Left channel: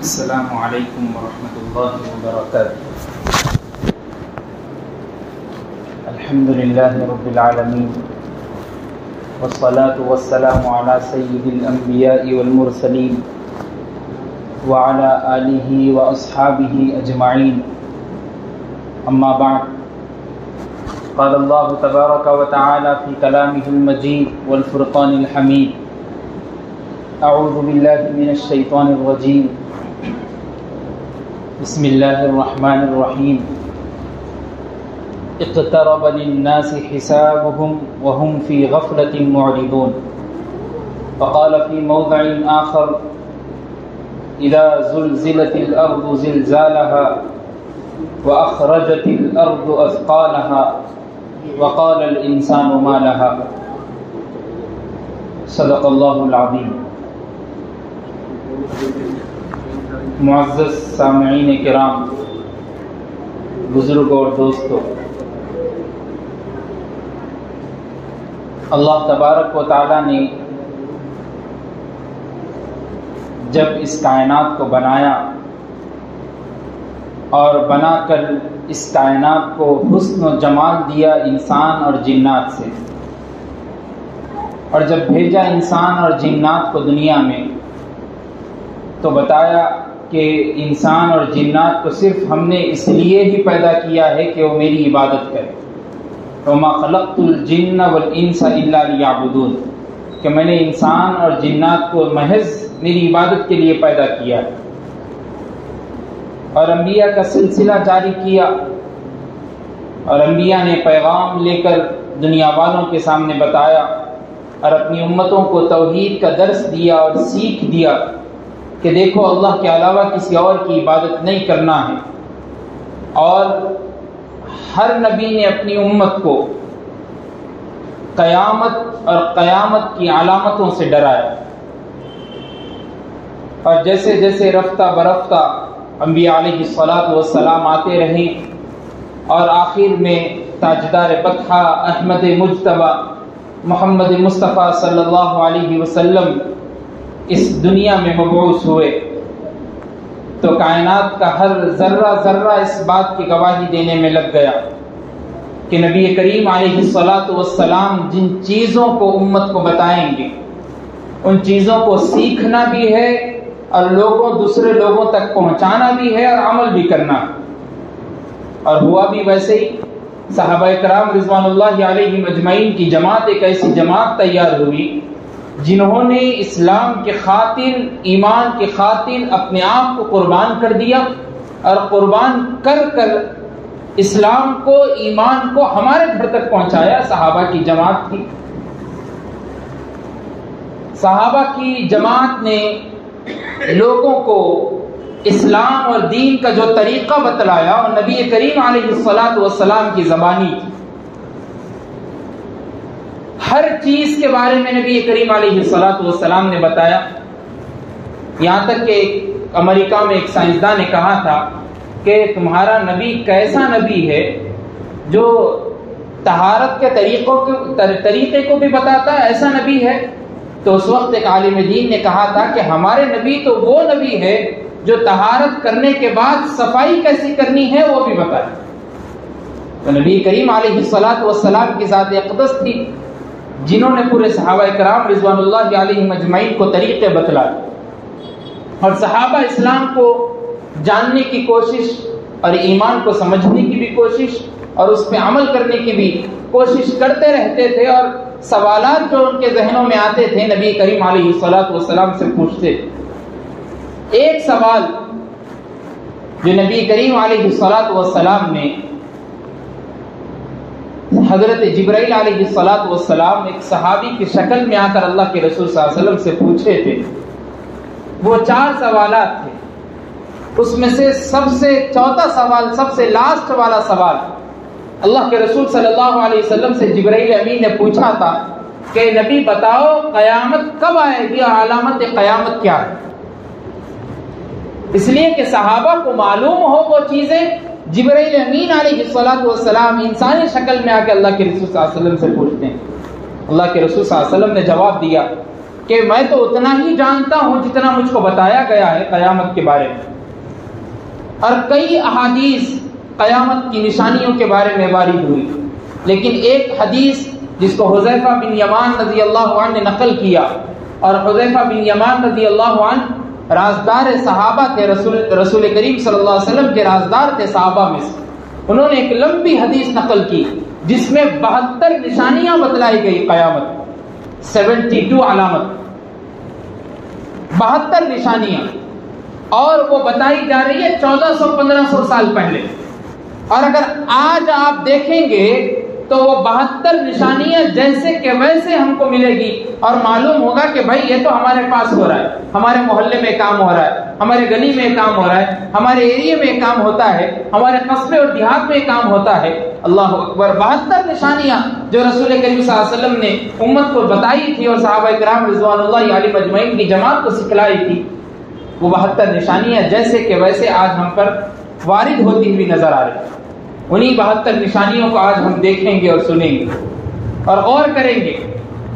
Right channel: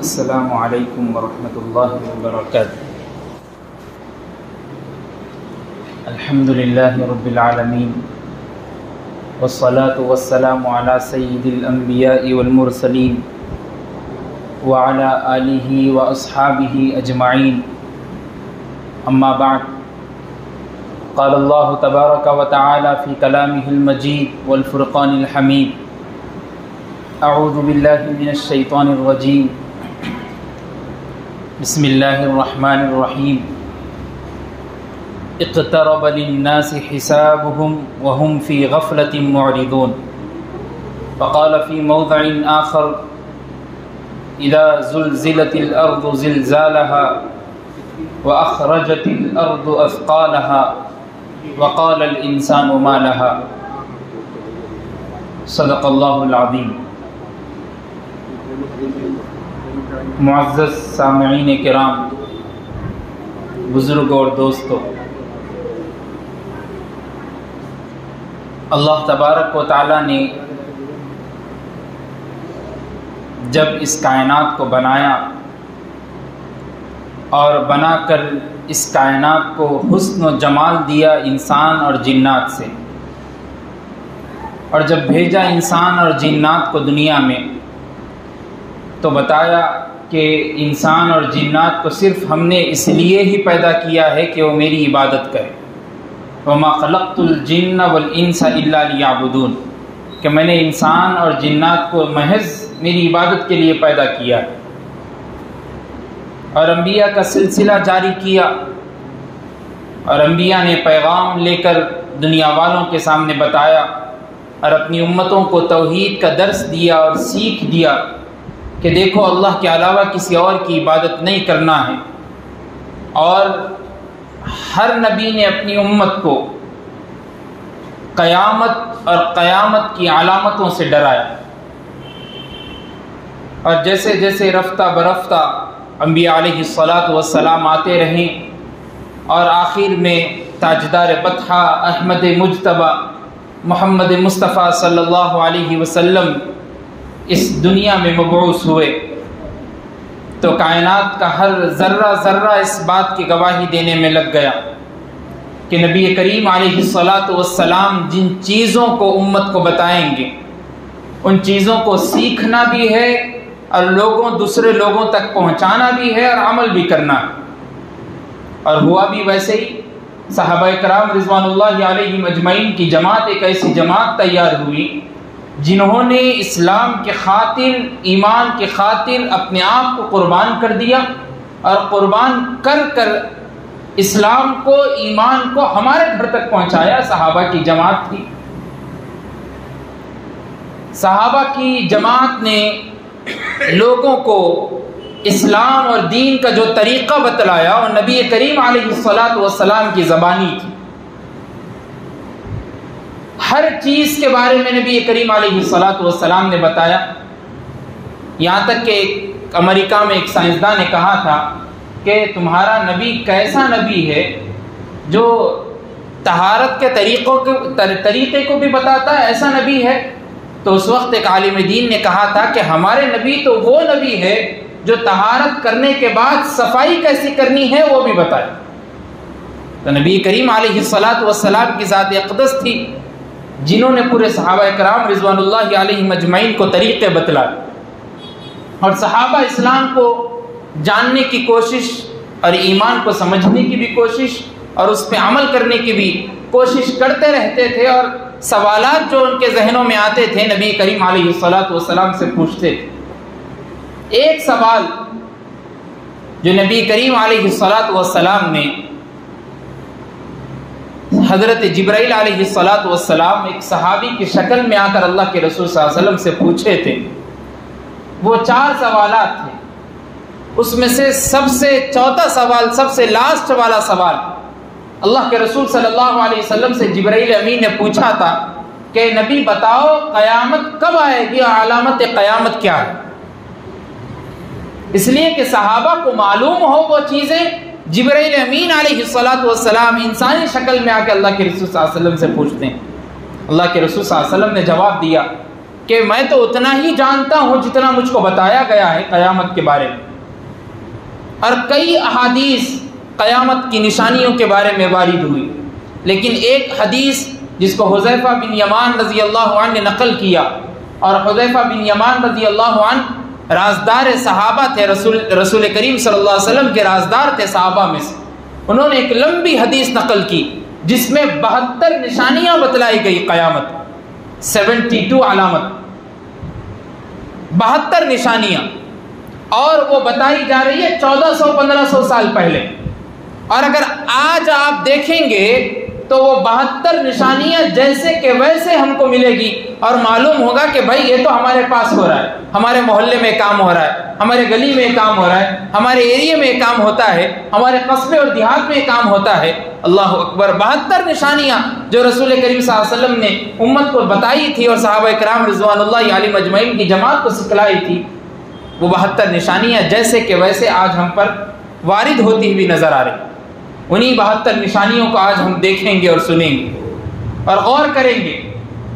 السلام علیکم ورحمۃ اللہ وبرکاتہ۔ الحمد للہ رب العالمین والصلاة والسلام علی سید الانبیاء والمرسلین وعلی آلہ واصحابہ اجمعین، اما بعد، قال اللہ تبارک وتعالی فی کلامہ المجید والفرقان الحمید، اعوذ باللہ من الشیطان الرجیم، بسم اللہ الرحمن الرحیم، اقترب للناس حسابهم وهم في غفلة معرضون، وقال في موضع آخر إذا زلزلت الأرض زلزالها وأخرجت الأرض أثقالها وقال الإنسان ما لها، صدق الله العظيم۔ معزز سامعین کرام، بزرگ اور دوستو، اللہ تبارک و تعالی نے جب اس کائنات کو بنایا اور بنا کر اس کائنات کو حسن و جمال دیا انسان اور جنات سے، اور جب بھیجا انسان اور جنات کو دنیا میں، تو بتایا کہ انسان اور جنات کو صرف ہم نے اس لیے ہی پیدا کیا ہے کہ وہ میری عبادت کریں، وَمَا خَلَقْتُ الْجِنَّ وَالْإِنسَ إِلَّا لِيَعْبُدُونَ، کہ میں نے انسان اور جنات کو محض میری عبادت کے لیے پیدا کیا ہے، اور انبیاء کا سلسلہ جاری کیا، اور انبیاء نے پیغام لے کر دنیا والوں کے سامنے بتایا اور اپنی امتوں کو توحید کا درس دیا اور سیکھ دیا کہ دیکھو اللہ کے علاوہ کسی اور کی عبادت نہیں کرنا ہے، اور ہر نبی نے اپنی امت کو قیامت اور قیامت کی علامتوں سے ڈرایا، اور جیسے جیسے رفتہ برفتہ انبیاء علیہ الصلاۃ آتے رہے، اور آخر میں تاجدار بطحہ احمد مجتبی محمد مصطفیٰ صلی اللہ علیہ وسلم اس دنیا میں مبعوث ہوئے، تو کائنات کا ہر ذرہ ذرہ اس بات کی گواہی دینے میں لگ گیا کہ نبی کریم علیہ السلام جن چیزوں کو امت کو بتائیں گے، ان چیزوں کو سیکھنا بھی ہے اور دوسرے لوگوں تک پہنچانا بھی ہے اور عمل بھی کرنا ہے۔ اور ہوا بھی ویسے ہی، صحابہ کرام رضوان اللہ علیہم اجمعین کی جماعت ایک ایسی جماعت تیار ہوئی جنہوں نے اسلام کے خاطر، ایمان کے خاطر اپنے آپ کو قربان کر دیا، اور قربان کر کر اسلام کو، ایمان کو ہمارے گھر تک پہنچایا۔ صحابہ کی جماعت تھی، صحابہ کی جماعت نے لوگوں کو اسلام اور دین کا جو طریقہ بتلایا، اور نبی کریم علیہ السلام کی زبانی تھی، ہر چیز کے بارے میں نبی کریم علیہ السلام نے بتایا، یہاں تک کہ امریکہ میں ایک سائنسداں نے کہا تھا کہ تمہارا نبی کیسا نبی ہے جو طہارت کے طریقے کو بھی بتاتا ہے، ایسا نبی ہے؟ تو اس وقت ایک عالم دین نے کہا تھا کہ ہمارے نبی تو وہ نبی ہے جو طہارت کرنے کے بعد صفائی کیسی کرنی ہے وہ بھی بتائے۔ تو نبی کریم علیہ السلام کی ذات اقدس تھی جنہوں نے پورے صحابہ کرام رضوان اللہ علیہم اجمعین کو طریقے بتلائے، اور صحابہ اسلام کو جاننے کی کوشش اور ایمان کو سمجھنے کی بھی کوشش اور اس پہ عمل کرنے کی بھی کوشش کرتے رہتے تھے، اور سوالات جو ان کے ذہنوں میں آتے تھے نبی کریم علیہ السلام سے پوچھتے تھے۔ ایک سوال جو نبی کریم علیہ السلام نے حضرت جبرائیل علیہ السلام ایک صحابی کی شکل میں آ کر اللہ کے رسول صلی اللہ علیہ وسلم سے پوچھے تھے، وہ 4 سوالات تھے، اس میں سے سب سے چوتھا سوال، سب سے لاسٹ والا سوال اللہ کے رسول صلی اللہ علیہ وسلم سے جبرائیل امین نے پوچھا تھا کہ نبی بتاؤ قیامت کب آئے گی اور علامت قیامت کیا ہے؟ اس لیے کہ صحابہ کو معلوم ہو وہ چیزیں جبرائیل امین علیہ السلام انسانی شکل میں آ کے اللہ کے رسول صلی اللہ علیہ وسلم سے پوچھتے ہیں۔ اللہ کے رسول صلی اللہ علیہ وسلم نے جواب دیا کہ میں تو اتنا ہی جانتا ہوں جتنا مجھ کو بتایا گیا ہے قیامت کے بارے میں، اور کئی احادیث قیامت کی نشانیوں کے بارے میں وارد ہوئی، لیکن ایک حدیث جس کو حذیفہ بن یمان رضی اللہ عنہ نے نقل کیا، اور حذیفہ بن یمان رضی اللہ عنہ رازدار صحابہ تھے، رسول کریم صلی اللہ علیہ وسلم کے رازدار تھے صحابہ میں سے، انہوں نے ایک لمبی حدیث نقل کی جس میں 72 نشانیاں بتلائی گئی قیامت، 72 علامت، 72 نشانیاں، اور وہ بتائی جا رہی ہے 1400-1500 سال پہلے، اور اگر آج آپ دیکھیں گے تو وہ 72 نشانیاں جیسے کہ ویسے ہم کو ملے گی، اور معلوم ہوگا کہ بھائی یہ تو ہمارے پاس ہو رہا ہے، ہمارے محلے میں کام ہو رہا ہے، ہمارے گلی میں کام ہو رہا ہے، ہمارے ایریے میں کام ہوتا ہے، ہمارے قصبے اور دیہات میں کام ہوتا ہے۔ اللہ اکبر، 72 نشانیاں جو رسول کریم صلی اللہ علیہ وسلم نے امت کو بتائی تھی اور صحابہ کرام رضوان اللہ علیہم اجمعین کی جماعت کو سکھلائی تھی، وہ 72 نشانیاں جیسے کہ ویسے آج ہم پر وارد ہوتی ہوئی نظر آ رہی۔ انہی 72 نشانیوں کو آج ہم دیکھیں گے اور سنیں گے اور غور کریں گے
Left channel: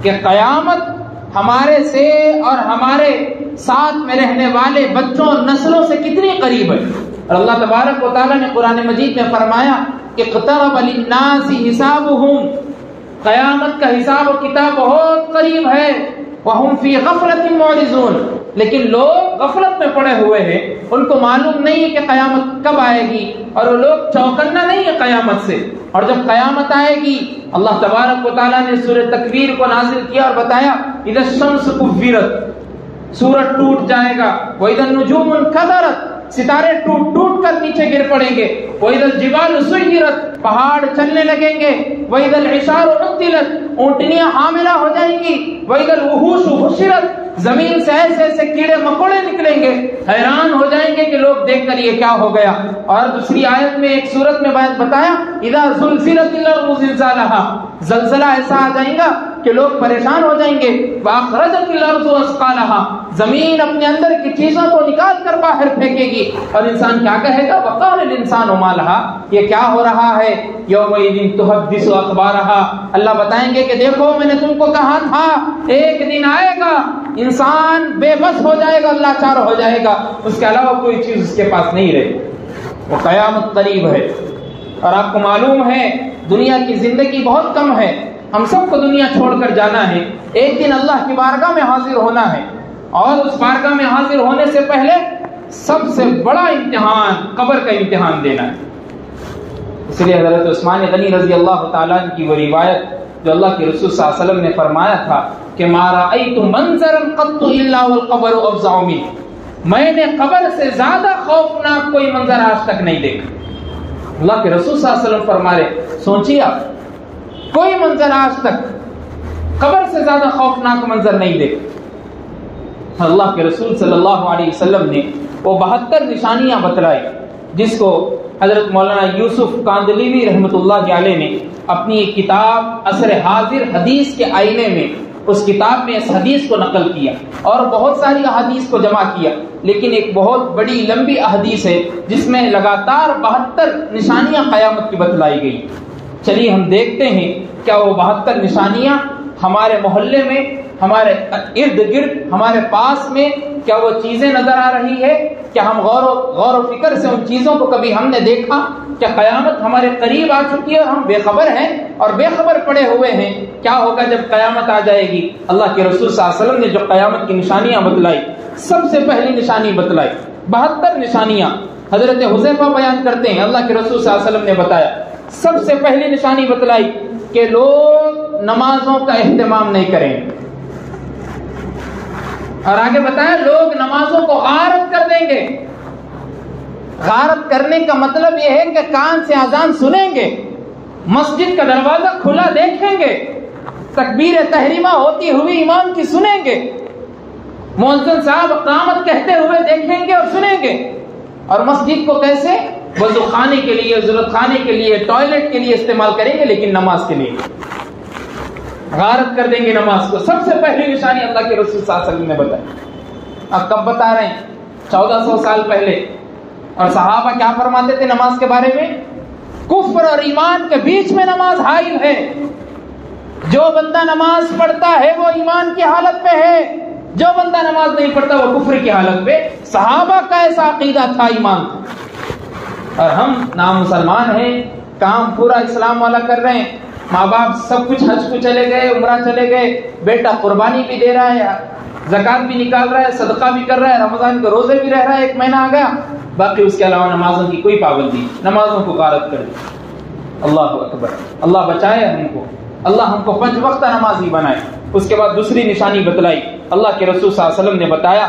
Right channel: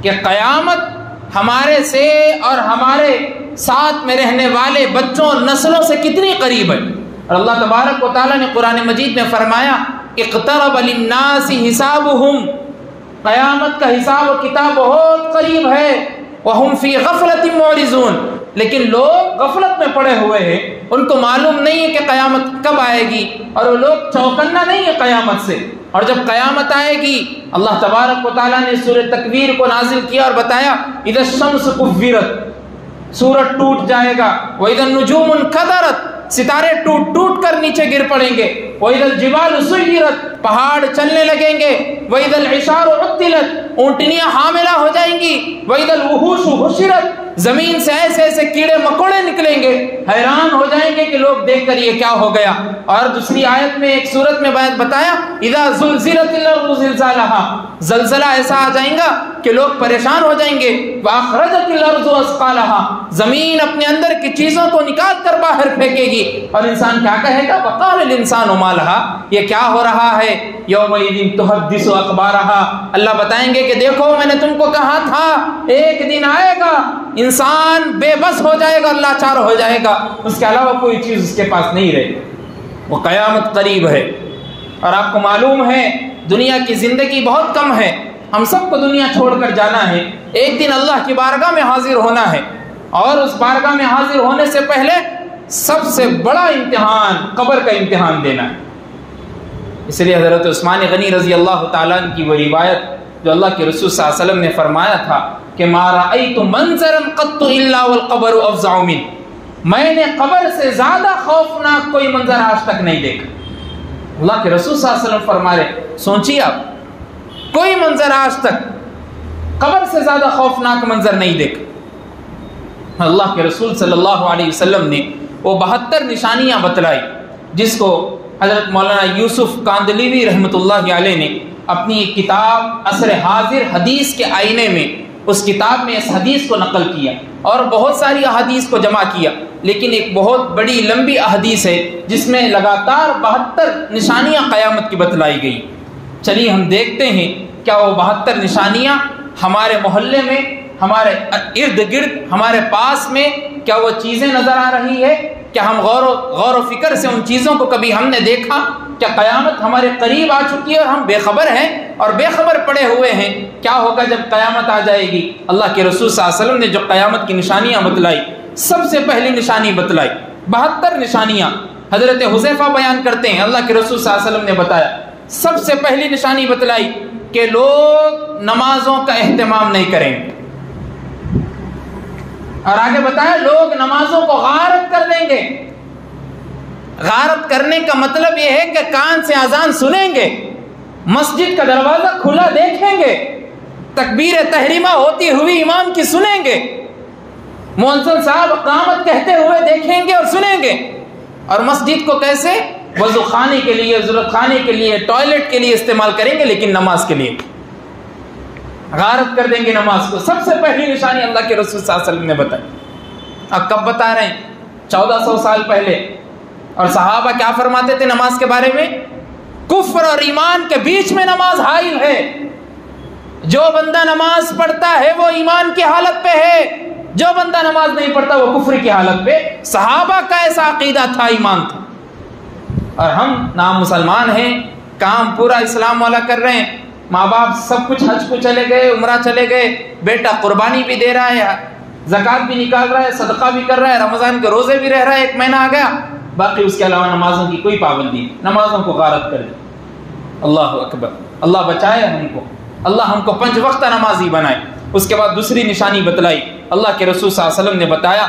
کہ قیامت ہمارے سے اور ہمارے ساتھ میں رہنے والے بچوں اور نسلوں سے کتنی قریب ہے۔ اور اللہ تبارک و تعالیٰ نے قرآن مجید میں فرمایا اقترب للناس حسابهم، قیامت کا حساب و کتاب بہت قریب ہے، وهم فی غفلۃ معرضون، لیکن لوگ غفلت میں پڑے ہوئے ہیں، ان کو معلوم نہیں ہے کہ قیامت کب آئے گی، اور وہ لوگ چوکنا نہیں ہے قیامت سے۔ اور جب قیامت آئے گی اللہ تبارک و تعالیٰ نے سورہ تکویر کو نازل کیا اور بتایا اذا الشمس کورت، سورج ٹوٹ جائے گا، واذا النجوم انکدرت، ستارے ٹوٹ ٹوٹ کر نیچے گر پڑیں گے، واذا الجبال سیرت، پہاڑ چلنے لگیں گے، واذا العشار عطلت، اونٹنیاں حاملہ ہو جائیں گی، واذا الوحوش حشرت، زمین سے ایسے ایسے کیڑے مکوڑے نکلیں گے، حیران ہو جائیں گے کہ لوگ دیکھ کر یہ کیا ہو گیا۔ اور دوسری آیت میں ایک سورت میں بتایا اذا زلزلت الارض زلزالها، زلزلہ ایسا آ جائے گا کہ لوگ پریشان ہو جائیں گے، واخرجت الارض اثقالها، زمین اپنے اندر کی چیزوں کو نکال کر باہر پھینکے گی، اور انسان کیا کہے گا وقال الانسان ما لها، یہ کیا ہو رہا ہے، یومئذ تحدث اخبارها، اللہ بتائیں گے کہ دیکھو میں نے تم کو کہا تھا ایک دن آئے گا انسان بے بس ہو جائے گا، اللہ چار ہو جائے گا، اس کے علاوہ کوئی چیز اس کے پاس نہیں رہے، وہ قیامت قریب ہے۔ اور آپ کو معلوم ہے دنیا کی زندگی بہت کم ہے، ہم سب کو دنیا چھوڑ کر جانا ہے، ایک دن اللہ کی بارگاہ میں حاضر ہونا ہے، اور اس بارگاہ میں حاضر ہونے سے پہلے سب سے بڑا امتحان قبر کا امتحان دینا ہے۔ اس لیے حضرت عثمان غنی رضی اللہ تعالیٰ عنہ کی وہ روایت جو اللہ کے رسول صلی اللہ علیہ وسلم نے فرمایا تھا کہ ما رأیت منظرا قط الا والقبر افظع منه، میں نے قبر سے زیادہ خوفناک کوئی منظر آج تک نہیں دیکھا۔ اللہ کے رسول صلی اللہ علیہ وسلم فرما رہے، سوچیے آپ کوئی منظر آج تک قبر سے زیادہ خوفناک منظر نہیں دیکھا۔ اللہ کے رسول صلی اللہ علیہ وسلم نے وہ 72 نشانیاں بتلائی، جس کو حضرت مولانا یوسف کاندلیوی رحمۃ اللہ علیہ نے اپنی ایک کتاب عصر حاضر حدیث کے آئینے میں، اس کتاب میں اس حدیث کو نقل کیا اور بہت ساری احادیث کو جمع کیا، لیکن ایک بہت بڑی لمبی احادیث ہے جس میں لگاتار 72 نشانیاں قیامت کی بتلائی گئی۔ چلیے ہم دیکھتے ہیں کیا وہ 72 نشانیاں ہمارے محلے میں، ہمارے ارد گرد، ہمارے پاس میں کیا وہ چیزیں نظر آ رہی ہے؟ کیا ہم غور و فکر سے ان چیزوں کو کبھی ہم نے دیکھا؟ کیا قیامت ہمارے قریب آ چکی ہے اور ہم بے خبر ہیں اور بے خبر پڑے ہوئے ہیں؟ کیا ہوگا جب قیامت آ جائے گی؟ اللہ کے رسول صلی اللہ علیہ وسلم نے جو قیامت کی نشانیاں بتلائی، سب سے پہلی نشانی بتلائی 72 نشانیاں حضرت حذیفہ بیان کرتے ہیں، اللہ کے رسول صلی اللہ علیہ وسلم نے بتایا سب سے پہلی نشانی بتلائی کہ لوگ نمازوں کا اہتمام نہیں کریں گے، اور آگے بتایا لوگ نمازوں کو غارت کر دیں گے۔ غارت کرنے کا مطلب یہ ہے کہ کان سے اذان سنیں گے، مسجد کا دروازہ کھلا دیکھیں گے، تکبیر تحریمہ ہوتی ہوئی امام کی سنیں گے، مؤذن صاحب اقامت کہتے ہوئے دیکھیں گے اور سنیں گے، اور مسجد کو کیسے وضو خانے کے لیے، ضرورت خانے کے لیے، ٹوائلٹ کے لیے استعمال کریں گے، لیکن نماز کے لیے غارت کر دیں گے نماز کو۔ سب سے پہلی نشانی اللہ کے رسول صلی اللہ علیہ وسلم نے بتائی۔ اب کب بتا رہے ہیں؟ 1400 سال پہلے۔ اور صحابہ کیا فرماتے تھے نماز کے بارے میں؟ کفر اور ایمان کے بیچ میں نماز حائل ہے، جو بندہ نماز پڑھتا ہے وہ ایمان کی حالت پہ ہے، جو بندہ نماز نہیں پڑھتا وہ کفر کی حالت پہ. صحابہ کا ایسا عقیدہ تھا، ایمان تھا. اور ہم نامسلمان ہیں، کام پورا اسلام والا کر رہے ہیں، ماں باپ سب کچھ حج کو چلے گئے، عمرہ چلے گئے، بیٹا قربانی بھی دے رہا ہے، زکات بھی نکال رہا ہے، صدقہ بھی کر رہا ہے، رمضان کے روزے بھی رہ رہا ہے، 1 مہینہ آ گیا، باقی اس کے علاوہ نمازوں کی کوئی پابندی، نمازوں کو غارت کر دیں. اللہ اکبر. اللہ بچائے ہم کو، اللہ ہم کو 5 وقت نمازی بنائے. اس کے بعد دوسری نشانی بتلائی، اللہ کے رسول صلی اللہ علیہ وسلم نے بتایا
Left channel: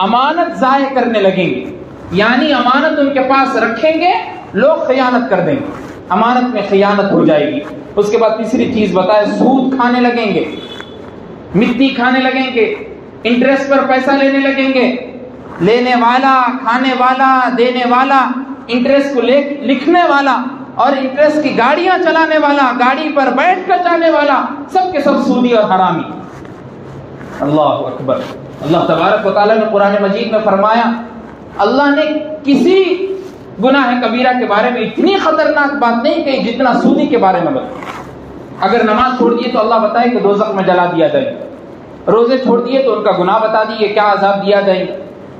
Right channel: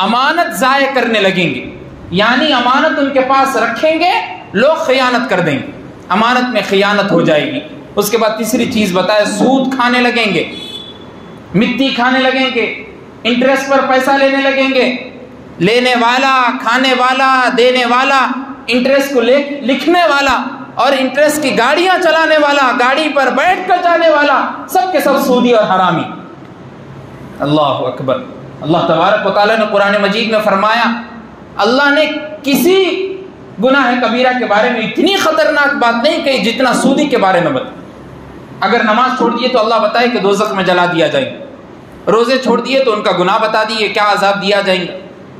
امانت ضائع کرنے لگیں گے، یعنی امانت ان کے پاس رکھیں گے، لوگ خیانت کر دیں گے، امانت میں خیانت ہو جائے گی. اس کے بعد تیسری چیز بتایا سود کھانے لگیں گے، مٹی کھانے لگیں گے، انٹرسٹ پر پیسہ لینے لگیں گے. لینے والا، کھانے والا، دینے والا، انٹرسٹ کو لکھنے والا اور انٹرسٹ کی گاڑیاں چلانے والا، گاڑی پر بیٹھ کر جانے والا، سب کے سب سودی اور حرامی. اللہ اکبر. اللہ تبارک و تعالیٰ نے قرآن مجید میں فرمایا، اللہ نے کسی گناہ کبیرہ کے بارے میں اتنی خطرناک بات نہیں کہی جتنا سودی کے بارے میں بتایا. اگر نماز چھوڑ دیے تو اللہ بتائے کہ دوزخ میں جلا دیا جائے گا، روزے چھوڑ دیے تو ان کا گناہ بتا دیے کیا عذاب دیا جائے گا.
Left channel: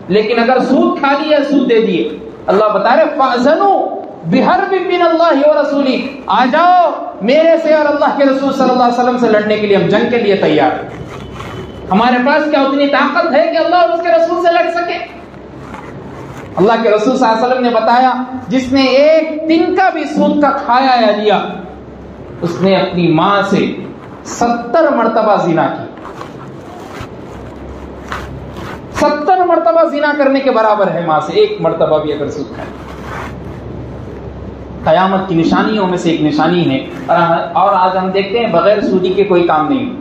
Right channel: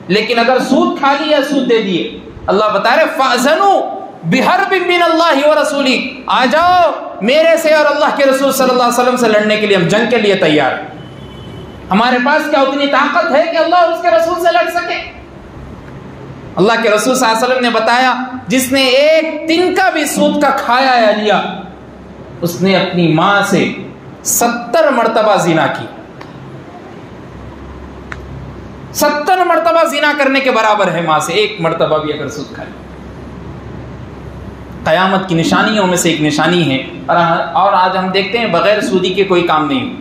لیکن اگر سود کھا دیا، سود دے دیے، اللہ بتا رہے فَأَذَنُوا بِحَرْبٍ مِّنَ اللَّهِ وَرَسُولِهِ، آ جاؤ میرے سے اور اللہ کے رسول صلی اللہ علیہ وسلم سے لڑنے کے لیے، ہم جنگ کے لیے تیار ہیں. ہمارے پاس کیا اتنی طاقت ہے کہ اللہ اس کے رسول سے لڑ سکے؟ اللہ کے رسول صلی اللہ علیہ وسلم نے بتایا جس نے 1 دن کا بھی سود کا کھایا یا لیا، اس نے اپنی ماں سے 70 مرتبہ زنا کی. 70 مرتبہ زنا کرنے کے برابر ہے ماں سے 1 مرتبہ بھی اگر سود کھائے. قیامت کی نشانیوں میں سے ایک نشانی ہے. اور آج ہم دیکھتے ہیں بغیر سودی کے کوئی کام نہیں.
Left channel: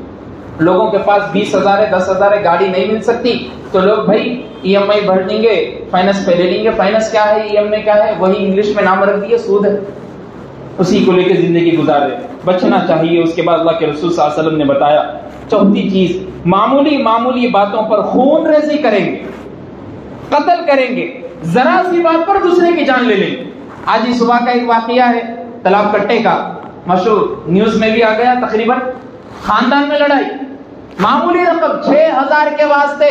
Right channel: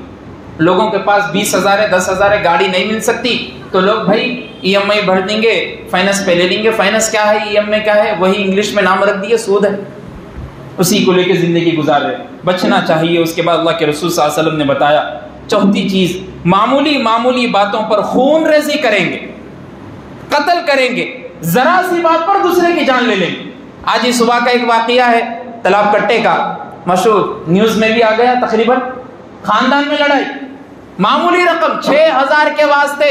لوگوں کے پاس 20,000 ہے، 10,000 گاڑی نہیں مل سکتی تو لوگ بھائی EMI بھر دیں گے، فائنانس پہ لے لیں گے. فائنانس کیا ہے، EMI کیا ہے، وہی انگلش میں نام رکھ دیے، سود ہے. اسی کو لے کے زندگی گزار رہے. بچنا چاہیے. اس کے بعد اللہ کے رسول صلی اللہ علیہ وسلم نے بتایا چوتھی چیز، معمولی باتوں پر خون ریزی کریں گے، قتل کریں گے، ذرا سی بات پر دوسرے کی جان لے لیں گے. آج ہی صبح کا ایک واقعہ ہے تالاب کٹے کا، مشہور، نیوز میں بھی آ گیا تقریباً. خاندان میں لڑائی، معمولی رقم 6,000 کے واسطے.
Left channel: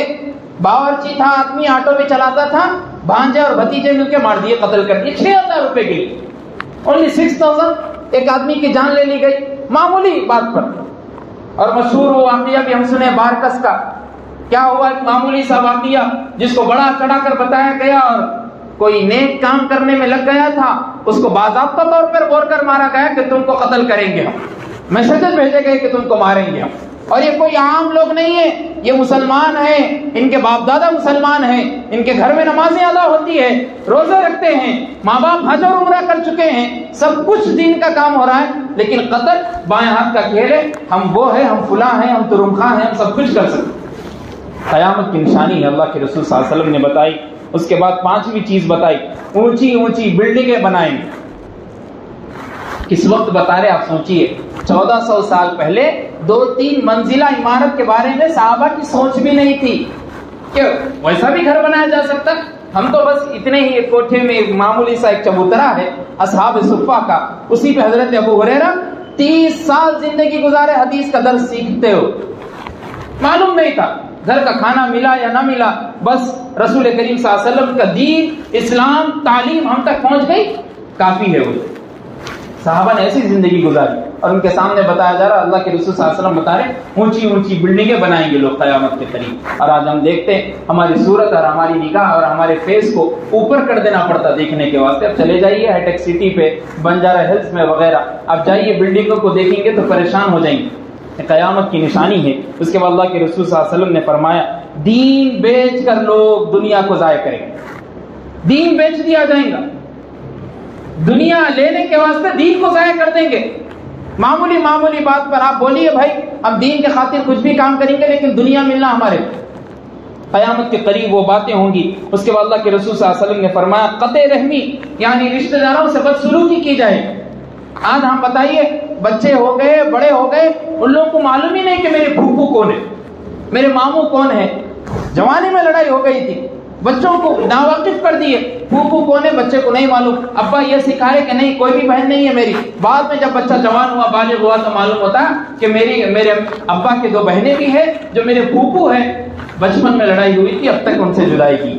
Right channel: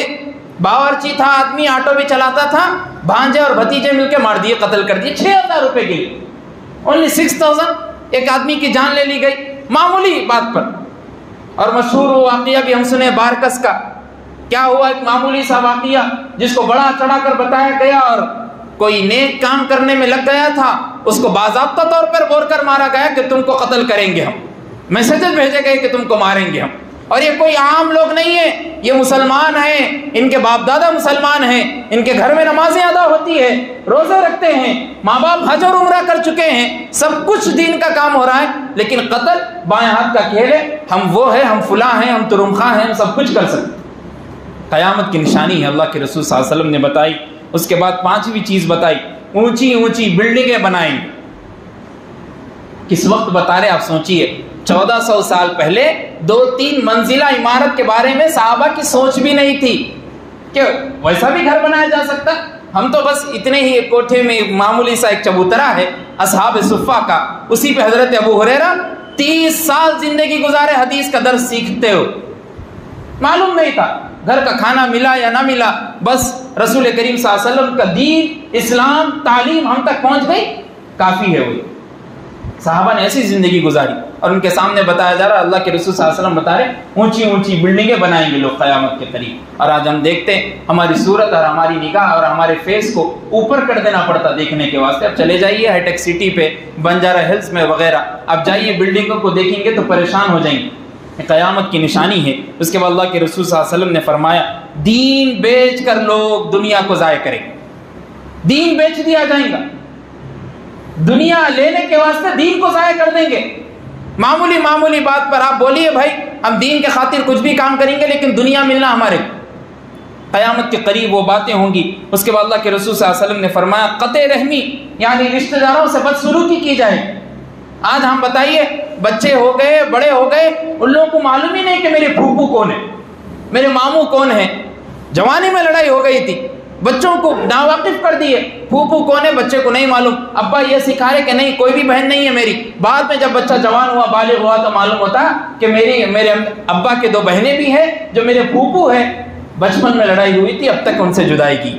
باورچی تھا آدمی، آٹو بھی چلاتا تھا، بھانجے اور بھتیجے مل کے مار دیے، قتل کر دیے 6,000 روپے کے لیے. اونلی 6,000 ایک آدمی کی جان لے لی گئی معمولی بات پر. اور مشہور واقعہ بھی ہم سنے بارکس کا. کیا ہوا، ایک معمولی سا واقعہ جس کو بڑا چڑھا کر بتایا گیا، اور کوئی نیک کام کرنے میں لگ گیا تھا، اس کو باضابطہ طور پر بول کر مارا گیا کہ تم کو قتل کریں گے ہم، میسیجز بھیجے گئے کہ تم کو ماریں گے ہم. اور یہ کوئی عام لوگ نہیں ہیں، یہ مسلمان ہیں، ان کے باپ دادا مسلمان ہیں، ان کے گھر میں نمازیں ادا ہوتی ہے، روزے رکھتے ہیں، ماں باپ حج اور عمرہ کر چکے ہیں، سب کچھ دین کا کام ہو رہا ہے، لیکن قتل بائیں ہاتھ کا کھیل ہے. ہم وہ ہیں، ہم فلاں ہیں، ہم ترم خواہ ہیں، ہم سب کچھ کر سکتے. قیامت کی نشانی ہے اللہ کے رسول صلی اللہ علیہ وسلم نے بتائی. اس کے بعد 5ویں چیز بتائی، اونچی بلڈنگیں بنائیں. کس وقت بتا رہے آپ سوچئے، 1400 سال پہلے 2-3 منزلہ عمارت کے بارے میں صحابہ کی سوچ بھی نہیں تھی کہ ویسا بھی گھر بنایا جا سکتا. ہم تو بس اتنے ہی ایک کوٹھے میں معمولی سا ایک چبوترا ہے اصحاب صفہ کا، اسی پہ حضرت ابو ہریرہ 30 سال زندگی گزارے، حدیث کا درس سیکھتے ہو. معلوم نہیں تھا گھر کا کھانا ملا یا نہ ملا، بس رسول کریم صلی اللہ علیہ وسلم کا دین، اسلام، تعلیم ہم تک پہنچ گئی، کافی ہے. وہ صحابہ نے ایسی زندگی گزاری اور ان کے سامنے بتایا جا رہا، اللہ کے رسول صلی اللہ علیہ وسلم بتا رہے اونچی بلڈنگیں بنائیں گے لوگ قیامت کے قریب. اور آج ہم دیکھتے ہیں ہماری صورت اور ہماری نگاہ اور ہمارے فیس کو اوپر کر دینا پڑتا دیکھنے کے واسطے. اب چلے جائیے ہائی ٹیک سٹی پہ، بنجارہ ہلز میں وغیرہ، اب جائیے بلڈنگوں کو دیکھیں گے تو پریشان ہو جائیں گے. قیامت کی نشانی ہے. اس کے بعد اللہ کے رسول صلی اللہ علیہ وسلم نے فرمایا دین بیچ کر لوگ دنیا کو ضائع کریں گے. دین بیچ دیا جائے گا، دنیا لینے کے واسطے دین کو ضائع کر دیں گے. معمولی بات پر آپ بولیے بھائی ہم دین کے خاطر کچھ بھی کام کریں گے لیکن دنیا ملنا ہمارے. قیامت کے قریب وہ باتیں ہوں گی. اس کے بعد اللہ کے رسول صلی اللہ علیہ وسلم نے فرمایا قطع رحمی، یعنی رشتہ داروں سے بدسلوکی کی جائے. آج ہم بتائیے بچے ہو گئے، بڑے ہو گئے، ان لوگوں کو معلوم ہی نہیں کہ میرے پھوپھو کون ہے، میرے ماموں کون ہے. جوانی میں لڑائی ہو گئی تھی، بچوں کو ناواقف کر دیے، پھوپھو کون ہے بچے کو نہیں معلوم. ابا یہ سکھائے کہ نہیں کوئی بھی بہن نہیں ہے میری. بعد میں جب بچہ جوان ہوا، بالغ ہوا تو معلوم ہوتا کہ میرے ابا کے 2 بہنیں بھی ہیں جو میرے پھوپھو ہیں. بچپن میں لڑائی ہوئی تھی، اب تک ان سے جدائی کی،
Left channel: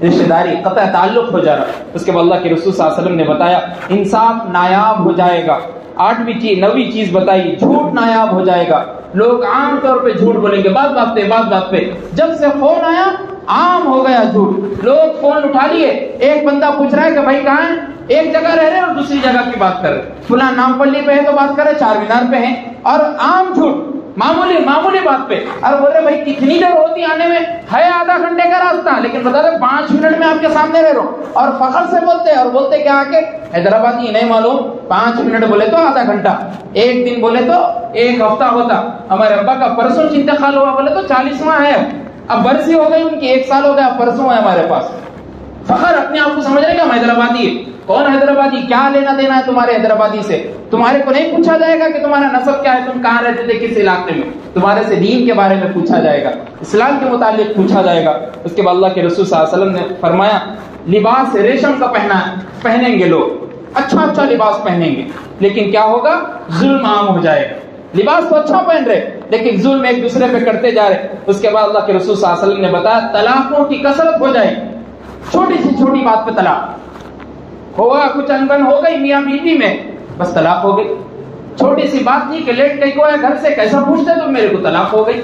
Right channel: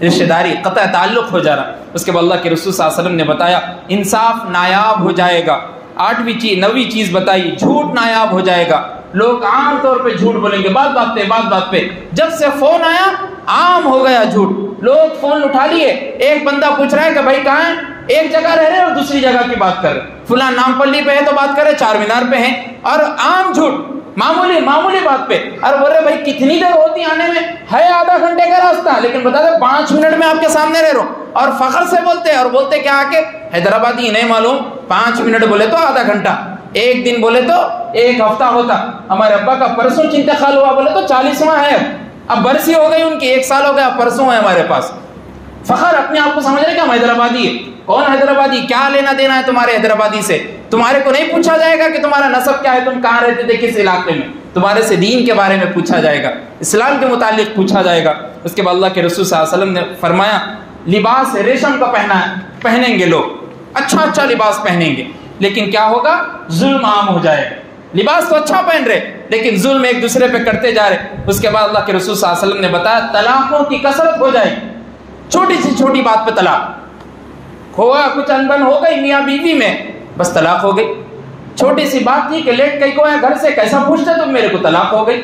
رشتہ داری قطع تعلق ہو جا رہا۔ اس کے بعد اللہ کے رسول صلی اللہ علیہ وسلم نے بتایا انصاف نایاب ہو جائے گا۔ 9ویں چیز بتائی، جھوٹ نایاب ہو جائے گا۔ لوگ عام طور پہ جھوٹ بولیں گے، بات پہ۔ جب سے فون آیا عام ہو گیا جھوٹ۔ لوگ فون اٹھا لیے، ایک بندہ پوچھ رہا ہے کہ بھائی کہاں ہے، ایک جگہ رہ رہے اور دوسری جگہ کی بات کر رہے، فلاں نام پلی پہ ہے تو بات کر رہے، چار مینار پہ ہیں، اور عام جھوٹ معمولی بات پہ۔ اور بول رہے بھائی کتنی دیر ہوتی آنے میں، ہے آدھا گھنٹے کا راستہ، لیکن بتا دیں 5 منٹ میں آپ کے سامنے رہ رہا ہوں، اور فخر سے بولتے ہیں، اور بولتے کیا آ کے حیدرآبادی نہیں معلوم، 5 منٹ بولے تو آدھا گھنٹہ، ایک دن بولے تو 1 ہفتہ ہوتا۔ ہمارے ابا کا پرسوں انتقال ہوا، بولے تو 40واں ہے، اب برسی ہو گئی ان کی، 1 سال ہو گیا، پرسوں ہے ہمارے پاس۔ فخر اپنے آپ کو سمجھ رہے کہ ہم حیدرآبادی ہے۔ کون حیدرآبادی؟ کیا لینا دینا ہے تمہارے حیدرآبادی سے؟ تمہارے کو نہیں پوچھا جائے گا کہ تمہارا نسب کیا ہے، تم کہاں رہتے تھے، کس علاقے میں، تمہارے سے دین کے بارے میں پوچھا جائے گا، اسلام کے متعلق پوچھا جائے گا۔ اس کے بعد اللہ کے رسول صلی اللہ علیہ وسلم نے فرمایا لباس ریشم کا پہنیں گے لوگ، اچھا لباس پہنیں گے، لیکن کیا ہوگا؟ ظلم عام ہو جائے گا۔ لباس تو اچھا پہن رہے لیکن ظلم ایک دوسرے پہ کرتے جا رہے۔ اس کے بعد اللہ کے رسول صلی اللہ علیہ وسلم نے بتایا طلاقوں کی کثرت ہو جائے گی، چھوٹی سی چھوٹی بات پہ طلاق ہوگا، کچھ انبن ہو گئی میاں بیوی میں، بس طلاق ہو گئی۔ چھوٹی سی بات تھی کہ لیٹ کہیں کو ہے گھر سے، کیسا پوچھتے تم میرے کو، طلاق ہو گئی۔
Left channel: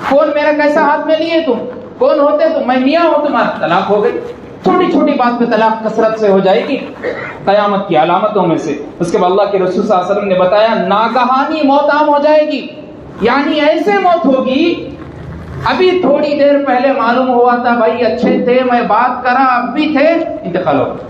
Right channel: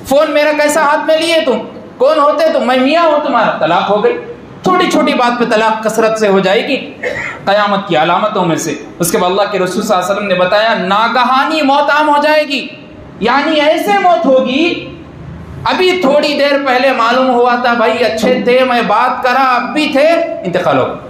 فون میرا کیسا ہاتھ میں لیے تم، کون ہوتے تم، میں میاں ہوں تمہارا، طلاق ہو گئی۔ چھوٹی چھوٹی بات پہ طلاق کثرت سے ہو جائے گی، قیامت کی علامتوں میں سے۔ اس کے بعد اللہ کے رسول صلی اللہ علیہ وسلم نے بتایا ناگہانی موت عام ہو جائے گی، یعنی ایسے موت ہوگی ابھی تھوڑی دیر پہلے معلوم ہوا تھا بھائی اچھے تھے، میں بات کرا، اب بھی تھے، انتقال ہو گیا۔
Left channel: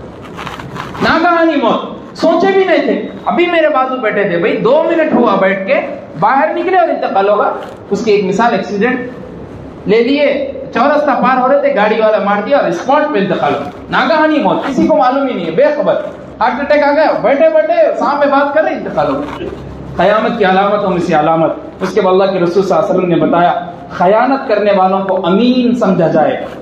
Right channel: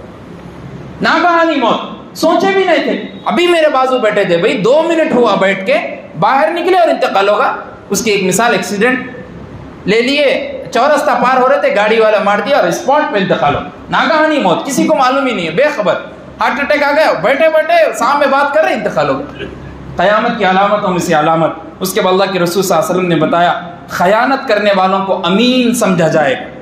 ناگہانی موت، سوچے بھی نہیں تھے، ابھی میرے بازو بیٹھے تھے بھائی، 2 منٹ ہوا بیٹھ کے، باہر نکلے اور انتقال ہوگا۔ اس کی ایک مثال، ایکسیڈنٹ لے لیے، چورستہ پار ہو رہے تھے، گاڑی والا مار دیا اور اسپاٹ پہ انتقال ہو۔ ناگہانی موت، کسی کو معلوم ہی نہیں ہے، بے خبر، ہارٹ اٹیک آ گیا، بیٹھے سامنے بات کر رہے، انتقال ہو گیا۔ قیامت کی علامتوں میں سے علامت۔ اس کے بعد اللہ کے رسول صلی اللہ علیہ وسلم نے بتایا خیانت کرنے والوں کو امین سمجھا جائے گا۔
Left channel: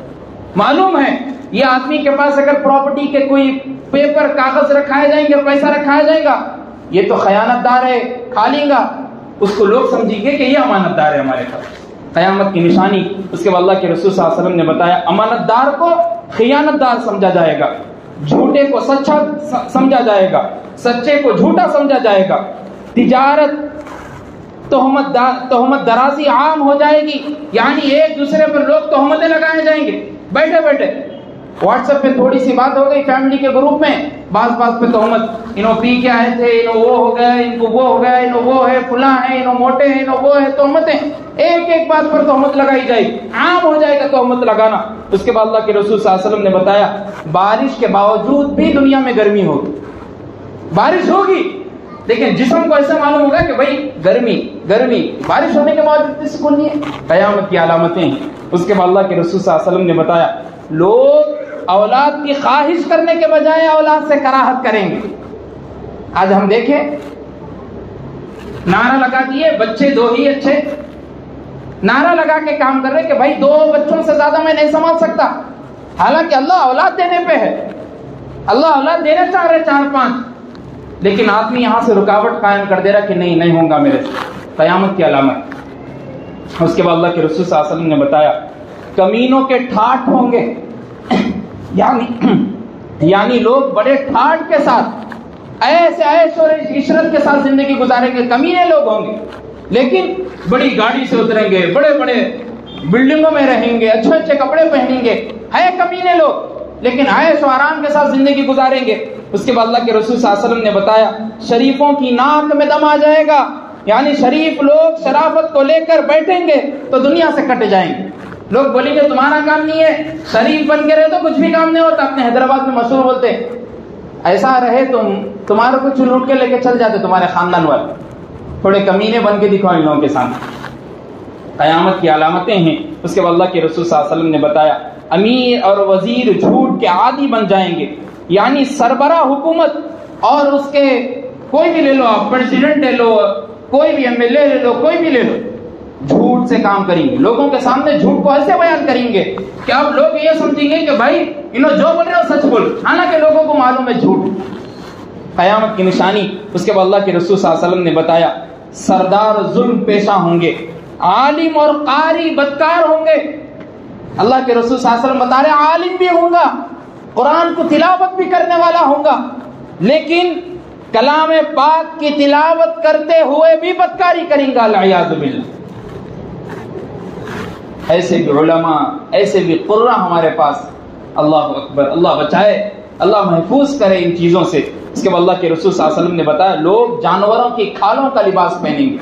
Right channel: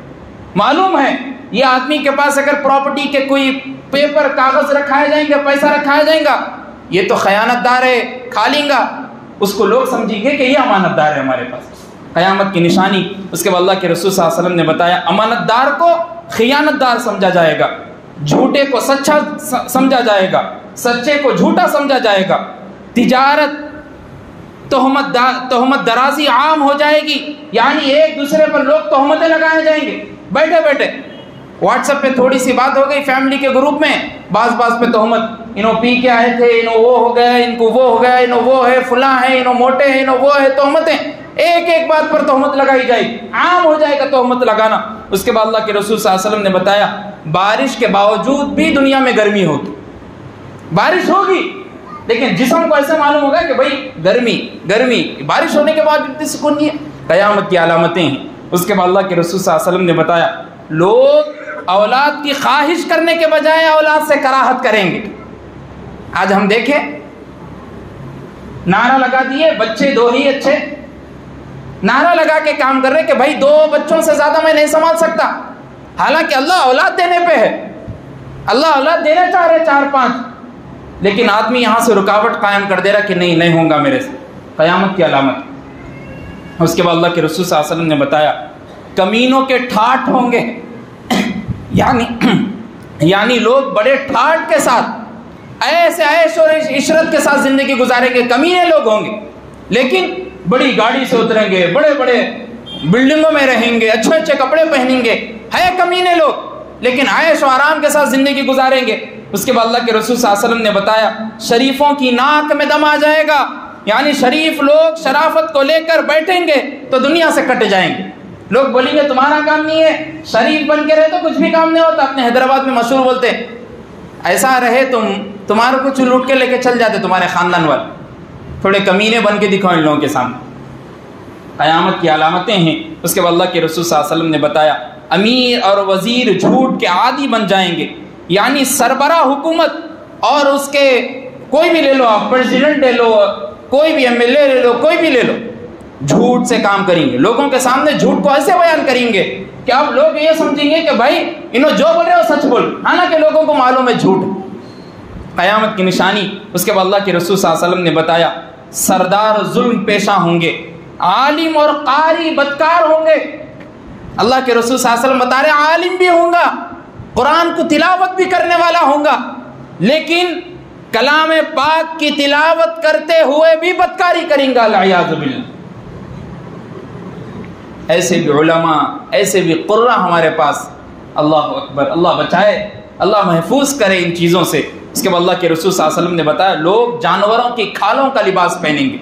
معلوم ہے یہ آدمی کے پاس اگر پراپرٹی کے کوئی پیپر کاغذ رکھائے جائیں گے، پیسہ رکھایا جائے گا، یہ تو خیانت دار ہے، کھا لیں گا، اس کو لوگ سمجھیں گے کہ یہ امانت دار ہے ہمارے پاس، قیامت کی نشانی۔ اس کے بعد اللہ کے رسول صلی اللہ علیہ وسلم نے بتایا امانت دار کو خیانت دار سمجھا جائے گا، جھوٹے کو سچا سمجھا جائے گا، سچے کو جھوٹا سمجھا جائے گا، تجارت تہمت درازی عام ہو جائے گی، یعنی ایک دوسرے پر لوگ تہمتیں لگائے جائیں گے بیٹھے بیٹھے۔ واٹس ایپ پہ تھوڑی سی بات ہو گئی فیملی کے گروپ میں، بعض پہ تہمت، انہوں پی کے آئے تھے، انہوں وہ ہو گیا، ان کو وہ ہو گیا، انہوں وہ ہے، فلاں ہے، انہوں موٹے ہیں، انہوں وہ ہے، تہمتیں ایک بات پر تہمت لگائی جائے گی، عام ہو جائے گا تہمت لگانا۔ اس کے بعد اللہ کے رسول صلی اللہ علیہ وسلم نے بتایا بارش کے باوجود بھی دنیا میں گرمی ہوگی، بارش ہوگی لیکن جسم کو ایسے معلوم ہوگا کہ بھائی گرمی، بارش ہونے کے بعد اتنی سکون نہیں ہے، قیامت کی علامتیں ہیں۔ اس کے بعد اللہ کے رسول صلی اللہ علیہ وسلم نے بتایا لوگ اولاد کی خواہش کرنے کے بجائے اولاد سے کراہت کریں گے۔ آج ہم دیکھیں نعرہ لگا دیے بچے 2 ہی اچھے، نعرہ لگا کے کام کر رہے کہ بھائی 2 بچوں سے زیادہ میں نہیں سنبھال سکتا، حالانکہ اللہ اولاد دینے پہ ہے، اللہ اولاد دینا چاہ رہے 4-5، لیکن آدمی یہاں سے رکاوٹ قائم کر دے رہا کہ نہیں ہوگا میرے سے، قیامت کی علامت۔ اس کے بعد اللہ کے رسول صلی اللہ علیہ وسلم نے بتایا کمینوں کے ٹھاٹ ہوں گے، یعنی لوگ بڑے ٹھاٹ کے ساتھ ایسے عیش اور عشرت کے ساتھ زندگی گزاریں گے، کمینے لوگ ہوں گے، لیکن بڑی گاڑی سے اتریں گے، بڑے بلڈنگوں میں رہیں گے، اچھے کپڑے پہنیں گے، ہے کمینے لوگ، لیکن عیش و آرام کے ساتھ زندگی گزاریں گے۔ اس کے بعد اللہ کے رسول صلی اللہ علیہ وسلم نے بتایا شریفوں کی ناک میں دم آ جائے گا، یعنی شریف لوگ شرافت کو لے کر بیٹھیں گے تو دنیا سے کٹ جائیں گے، لوگ بولیں گے تمہارا کام نہیں ہے، شریف بن کے رہے تو کچھ بھی کام نہیں ہوتا، اپنے حیدرآباد میں مشہور بولتے ایسا رہے تمہارا کچھ لوٹ کے لے کے چل جاتے تمہارے خاندان والے، تھوڑے کمینے بن کے دکھاؤ ان لوگوں کے سامنے، قیامت کی علامتیں ہیں۔ اس کے بعد اللہ کے رسول صلی اللہ علیہ وسلم نے بتایا امیر اور وزیر جھوٹ کے عادی بن جائیں گے، یعنی سربراہ حکومت اور اس کے کوئی بھی لے لو، آپ پریزیڈنٹ لے لو، کوئی بھی ایم ایل اے لے لو، کوئی بھی لے لو، جھوٹ سے کام کریں گے، لوگوں کے سامنے جھوٹ کو ایسے بیان کریں گے کہ اب لوگ یہ سمجھیں گے کہ بھائی انہوں جو بول رہے ہو سچ بول، حالانکہ لوگوں کو معلوم ہے جھوٹ، قیامت کی نشانی۔ اس کے بعد اللہ کے رسول صلی اللہ علیہ وسلم نے بتایا سردار ظلم پیشہ ہوں گے، عالم اور قاری بدکار ہوں گے، اللہ کے رسول صلی اللہ علیہ وسلم بتا رہے عالم بھی ہوں گا، قرآن کو تلاوت بھی کرنے والا ہوں گا، لیکن کلام پاک کی تلاوت کرتے ہوئے بھی بدکاری کریں گا، والعیاذ باللہ۔ ایسے بھی علماء، ایسے بھی قرآ ہمارے پاس، اللہ اکبر، اللہ بچائے، اللہ محفوظ کرے ان چیزوں سے۔ اس کے بعد اللہ کے رسول صلی اللہ علیہ وسلم نے بتایا لوگ جانوروں کی کھالوں کا لباس پہنیں گے،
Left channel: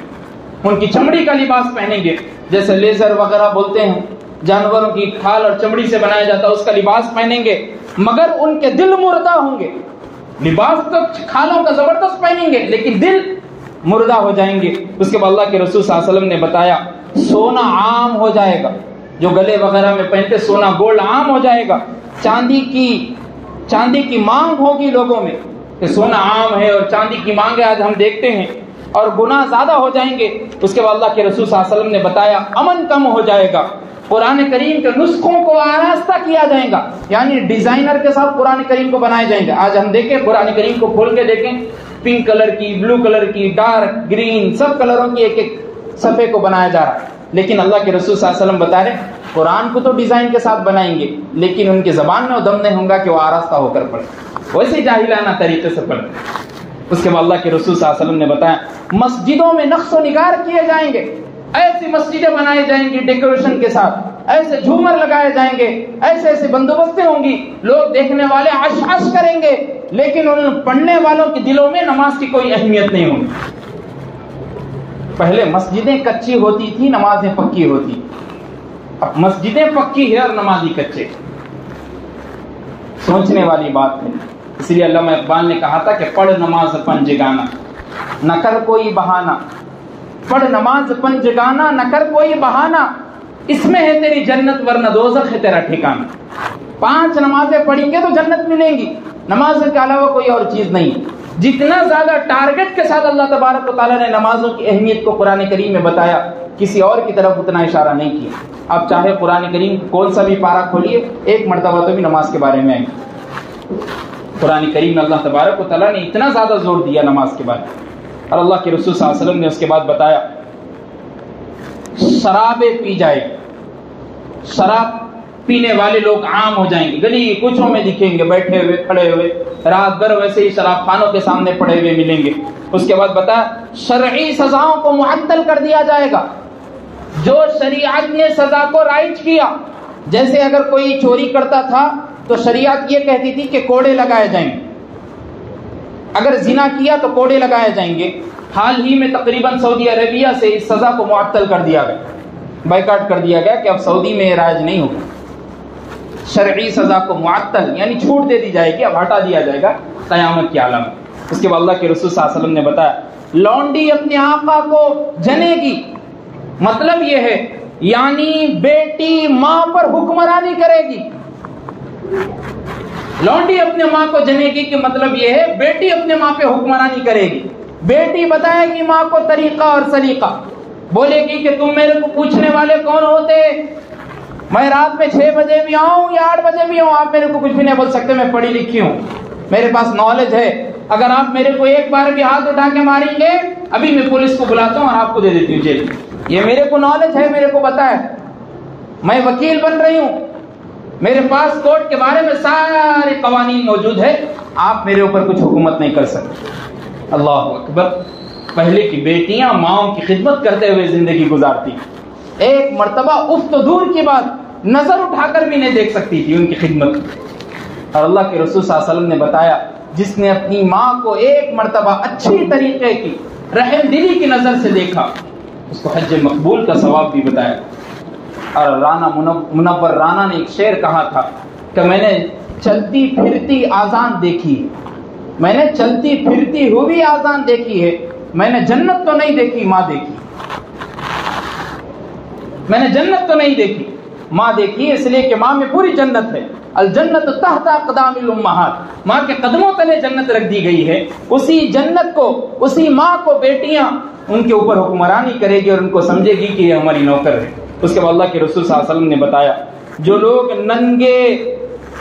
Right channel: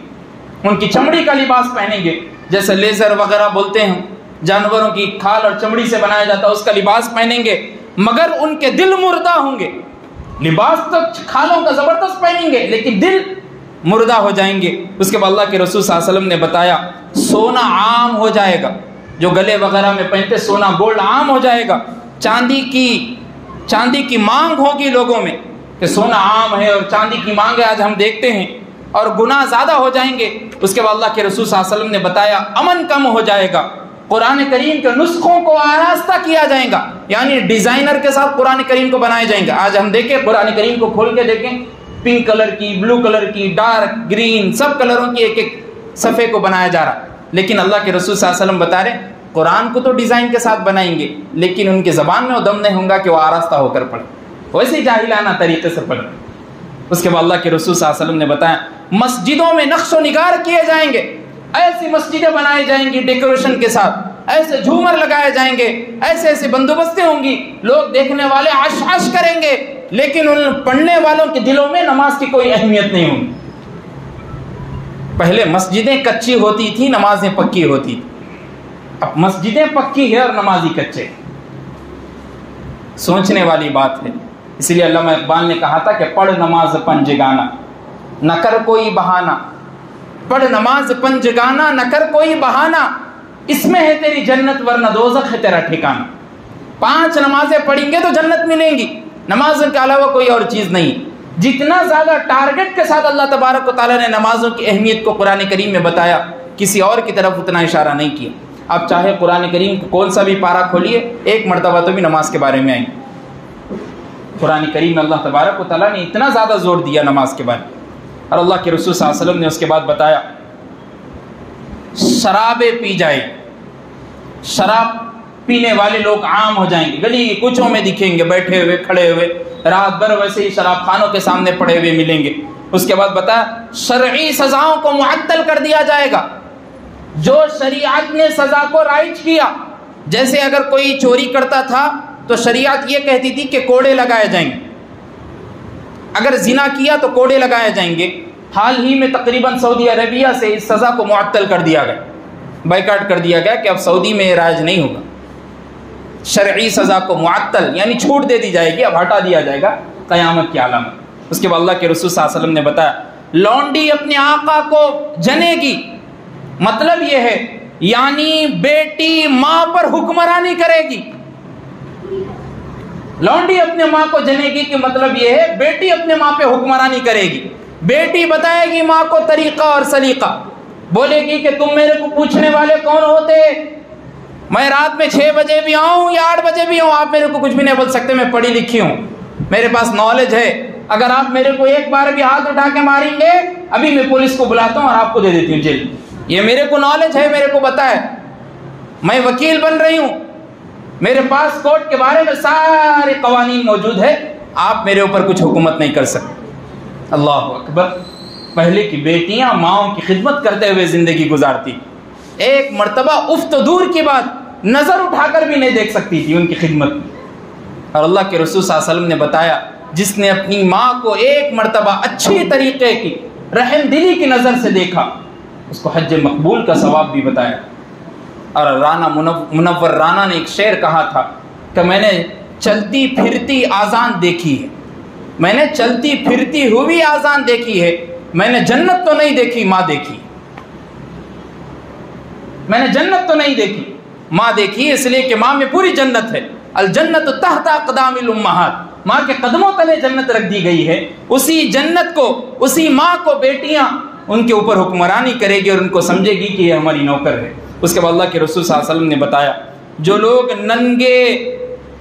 ان کی چمڑی کا لباس پہنیں گے، جیسے لیزر وغیرہ بولتے ہیں، جانوروں کی کھال اور چمڑی سے بنایا جاتا ہے، اس کا لباس پہنیں گے، مگر ان کے دل مردہ ہوں گے۔ لباس تو کھالوں کا زبردست پہنیں گے لیکن دل مردہ ہو جائیں گے۔ اس کے بعد اللہ کے رسول صلی اللہ علیہ وسلم نے بتایا سونا عام ہو جائے گا، جو گلے وغیرہ میں پہنتے سونا گولڈ عام ہو جائے گا، چاندی کی مانگ ہوگی لوگوں میں کہ سونا عام ہے اور چاندی کی مانگ ہے آج ہم دیکھتے ہیں، اور گناہ زیادہ ہو جائیں گے۔ اس کے بعد اللہ کے رسول صلی اللہ علیہ وسلم نے بتایا امن کم ہو جائے گا، قرآن کریم کے نسخوں کو آراستہ کیا جائے گا، یعنی ڈیزائنر کے ساتھ قرآن کریم کو بنائے جائیں گے۔ آج ہم دیکھیں قرآن کریم کو کھول کے دیکھیں، پنک کلر کی، بلو کلر کی، ڈارک گرین، سب کلروں کی ایک ایک صفحے کو بنایا جا رہا ہے، لیکن اللہ کے رسول صلی اللہ علیہ وسلم بتا رہے قرآن کو تو ڈیزائن کے ساتھ بنائیں گے لیکن ان کی زبان میں وہ دم نہیں ہوگا کہ وہ آراستہ ہو کر پڑھیں، ویسے ہی جاہلانہ طریقے سے پڑھیں۔ اس کے بعد اللہ کے رسول صلی اللہ علیہ وسلم نے بتایا مسجدوں میں نقش و نگار کیے جائیں گے، ایسی مسجدیں بنائی جائیں گی ڈیکوریشن کے ساتھ، ایسے جھومر لگائے جائیں گے، ایسے بندوبستیں ہوں گی، لوگ دیکھنے والے عش عش کریں گے لیکن ان پڑھنے والوں کے دلوں میں نماز کی کوئی اہمیت نہیں ہوگی۔ پہلے مسجدیں کچی ہوتی تھی، نمازیں پکی ہوتی تھی، اب مسجدیں پکی ہے اور نمازی کچے۔ سوچنے والی بات ہے، اس لیے علامہ اقبال نے کہا تھا کہ پڑھ نماز پنجگانہ نہ کر کوئی بہانہ، پڑھ نماز پنجگانہ نہ کر کوئی بہانہ، اس میں ہے تیری جنت ورنہ دوزخ ہے تیرا ٹھکانہ۔ 5 نمازیں پڑھیں گے تو جنت ملیں گی، نماز کے علاوہ کوئی اور چیز نہیں۔ جتنا زیادہ ٹارگٹ کے ساتھ اللہ تبارک و تعالیٰ نے نمازوں کی اہمیت کو قرآن کریم میں بتایا، کسی اور کی طرف اتنا اشارہ نہیں کیا۔ آپ چاہے قرآن کریم کون سا بھی پارہ کھولیے، ایک مرتبہ تو بھی نماز کے بارے میں آئیں گے۔ قرآن کریم میں اللہ تبارک و تعالیٰ نے اتنا زیادہ زور دیا نماز کے بارے میں، اور اللہ کے رسول صلی اللہ علیہ وسلم نے اس کے بعد بتایا شرابیں پی جائے، شراب پینے والے لوگ عام ہو جائیں گے، گلی کوچوں میں دکھیں گے، بیٹھے ہوئے، کھڑے ہوئے، رات بھر ویسے ہی شراب خانوں کے سامنے پڑے ہوئے ملیں گے۔ اس کے بعد بتایا شرعی سزاؤں کو معطل کر دیا جائے گا، جو شریعت نے سزا کو رائج کیا، جیسے اگر کوئی چوری کرتا تھا تو شریعت یہ کہتی تھی کہ کوڑے لگائے جائیں گے، اگر زنا کیا تو کوڑے لگائے جائیں گے۔ حال ہی میں تقریباً سعودی عربیہ سے اس سزا کو معطل کر دیا گیا، بائیکاٹ کر دیا گیا کہ اب سعودی میں رائج نہیں ہوگا، شرعی سزا کو معطل یعنی چھوٹ دے دی جائے گی، اب ہٹا دیا جائے گا قیامت کی علامت۔ اس کے بعد اللہ کے رسول صلی اللہ علیہ وسلم نے بتایا لونڈی اپنے آقا کو جنے گی، مطلب یہ ہے یعنی بیٹی ماں پر حکمرانی کرے گی۔ لونڈی اپنے ماں کو جنے گی کہ مطلب یہ ہے بیٹی اپنے ماں پہ حکمرانی کرے گی، بیٹی بتائے گی ماں کو طریقہ اور سلیقہ، بولے گی کہ تم میرے کو پوچھنے والے کون ہوتے، میں رات میں 6 بجے بھی آؤں یا 8 بجے بھی آؤں، آپ میرے کو کچھ بھی نہیں بول سکتے، میں پڑھی لکھی ہوں، میرے پاس نالج ہے، اگر آپ میرے کو ایک بار بھی ہاتھ اٹھا کے ماریں گے ابھی میں پولیس کو بلاتا ہوں اور آپ کو دے دیتی ہوں جیل۔ یہ میرے کو نالج ہے، میرے کو پتا ہے، میں وکیل بن رہی ہوں، میرے پاس کورٹ کے بارے میں سارے قوانین موجود ہے، آپ میرے اوپر کچھ حکومت نہیں کر سکتے۔ اللہ اکبر، پہلے کی بیٹیاں ماؤں کی خدمت کرتے ہوئے زندگی گزارتی، ایک مرتبہ اف تو دور کی بات نظر اٹھا کر بھی نہیں دیکھ سکتی تھی ان کی خدمت۔ اور اللہ کے رسول صلی اللہ علیہ وسلم نے بتایا جس نے اپنی ماں کو ایک مرتبہ اچھی طریقے کی رحم دلی کی نظر سے دیکھا اس کو حج مقبول کا ثواب بھی بتایا۔ اور رانا منور رانا نے ایک شعر کہا تھا کہ میں نے چلتی پھرتی آذان دیکھی ہے، میں نے چلتی پھرتی ہوئی آذان دیکھی ہے، میں نے جنت تو نہیں دیکھی ماں دیکھی، میں نے جنت تو نہیں دیکھی ماں دیکھی، اس لیے کہ ماں میں پوری جنت ہے، الجنت تحت اقدام الامہات، ماں کے قدموں تلے جنت رکھ دی گئی ہے، اسی جنت کو، اسی ماں کو بیٹیاں ان کے اوپر حکمرانی کرے گی اور ان کو سمجھے گی کہ یہ ہماری نوکر ہے۔ اس کے بعد اللہ کے رسول صلی اللہ علیہ وسلم نے بتایا جو لوگ ننگے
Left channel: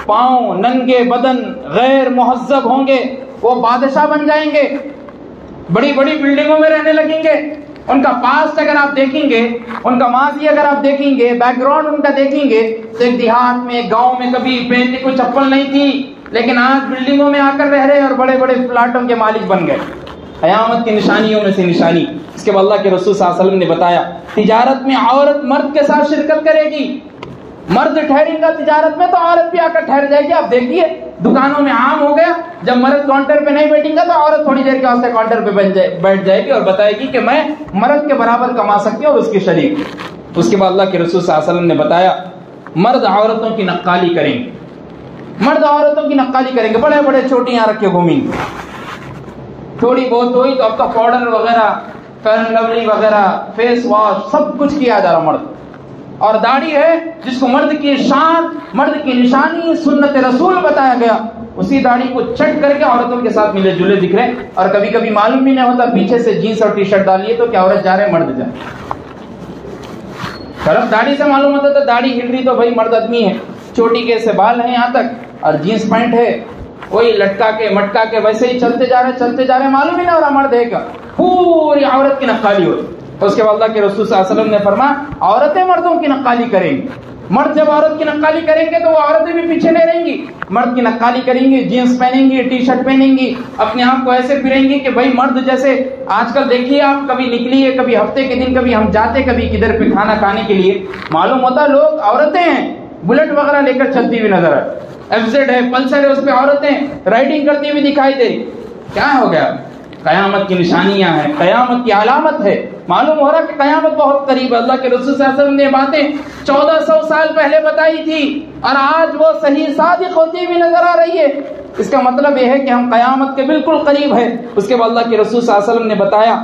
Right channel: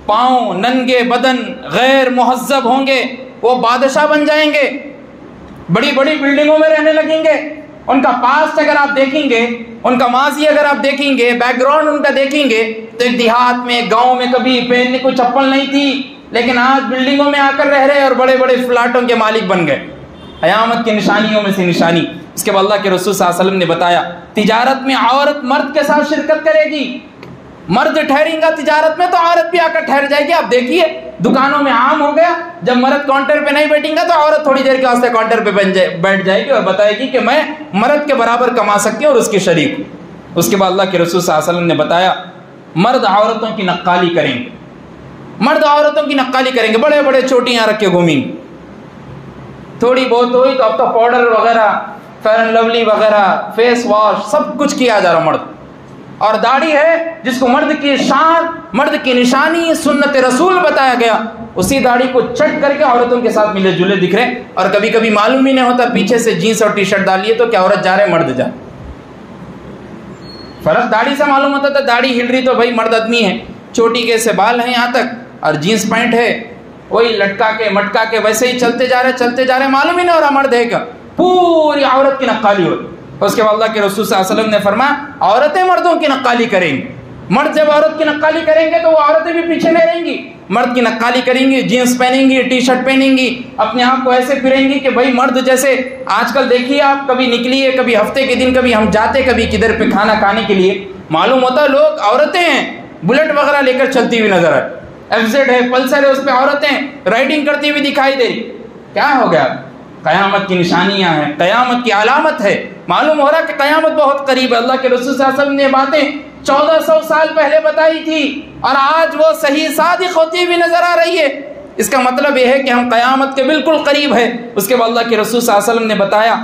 پاؤں، ننگے بدن، غیر مہذب ہوں گے وہ بادشاہ بن جائیں گے، بڑی بڑی بلڈنگوں میں رہنے لگیں گے، ان کا پاسٹ اگر آپ دیکھیں گے، ان کا ماضی اگر آپ دیکھیں گے، بیک گراؤنڈ ان کا دیکھیں گے، تو ایک دیہات میں، گاؤں میں کبھی پہننے کو چپل نہیں تھی، لیکن آج بلڈنگوں میں آ کر رہ رہے اور بڑے بڑے فلاٹوں کے مالک بن گئے۔ قیامت کی نشانیوں میں سے نشانی۔ اس کے بعد اللہ کے رسول صلی اللہ علیہ وسلم نے بتایا تجارت میں عورت مرد کے ساتھ شرکت کرے گی، مرد ٹھہرے گا تجارت میں تو عورت بھی آ کر ٹھہر جائے گی۔ آپ دیکھیے دکانوں میں عام ہو گیا، جب مرد کاؤنٹر پہ نہیں بیٹھیں گا تو عورت تھوڑی دیر کے واسطے کاؤنٹر پہ بیٹھ جائے گی اور بتائے گی کہ میں مرد کے برابر کما سکتی ہوں اور اس کی شریک۔ اس کے بعد اللہ کے رسول صلی اللہ علیہ وسلم نے بتایا مرد عورتوں کی نقالی کریں گے، مرد عورتوں کی نقالی کریں گے، بڑے بڑے چوٹیاں رکھ کے گھومیں گے، تھوڑی بہت ہوئی تو اب تو پاؤڈر وغیرہ، فیئر اینڈ لولی وغیرہ، فیس واش سب کچھ کیا جا رہا مرد۔ اور داڑھی ہے جس کو مرد کی شان، مرد کی نشانی، سنت رسول بتایا گیا، اسی داڑھی کو چٹ کر کے عورتوں کے ساتھ ملے جلے دکھ رہے، اور کبھی کبھی معلوم ہی نہیں ہوتا پیچھے سے جینس اور ٹی شرٹ ڈالیے تو کیا عورت جا رہے مرد جا طرف، داڑھی سے معلوم ہوتا تھا داڑھی ہل رہی تو بھائی مرد آدمی ہے، چوٹی کے سے بال ہیں یہاں تک اور جینس پینٹ ہے، وہی لٹکا کے مٹکا کے ویسے ہی چلتے جا رہے، معلوم ہی نہیں ہو رہا مرد ہے کیا، پوری عورت کی نقالی ہو۔ اس کے بعد اللہ کے رسول صلی اللہ علیہ وسلم نے فرمایا عورتیں مردوں کی نقالی کریں گی، مرد جب عورت کی نقالی کریں گے تو وہ عورتیں بھی پیچھے نہیں رہیں گی، مرد کی نقالی کریں گی، جینس پہنیں گی، ٹی شرٹ پہنیں گی، اپنے آپ کو ایسے پھریں گی کہ بھائی مرد جیسے۔ آج کل دیکھیے آپ کبھی نکلیے، کبھی ہفتے کے دن کبھی ہم جاتے کبھی کدھر پہ کھانا کھانے کے لیے، معلوم ہوتا لوگ عورتیں ہیں، بلٹ وغیرہ لے کر چلتی ہوئی نظر آئے، ایف زیڈ ہے، پلسر ہے، اس پہ عورتیں رائڈنگ کرتی ہوئی دکھائی دے، کیا ہو گیا؟ قیامت کی نشانیاں ہیں، قیامت کی علامت ہے، معلوم ہو رہا کہ قیامت بہت قریب ہے۔ اللہ کے رسول صلی اللہ علیہ وسلم نے باتیں 1400 سال پہلے بتائی تھی اور آج وہ صحیح صادق ہوتی ہوئی نظر آ رہی ہے، اس کا مطلب یہ ہے کہ ہم قیامت کے بالکل قریب ہے۔ اس کے بعد اللہ کے رسول صلی اللہ علیہ وسلم نے بتایا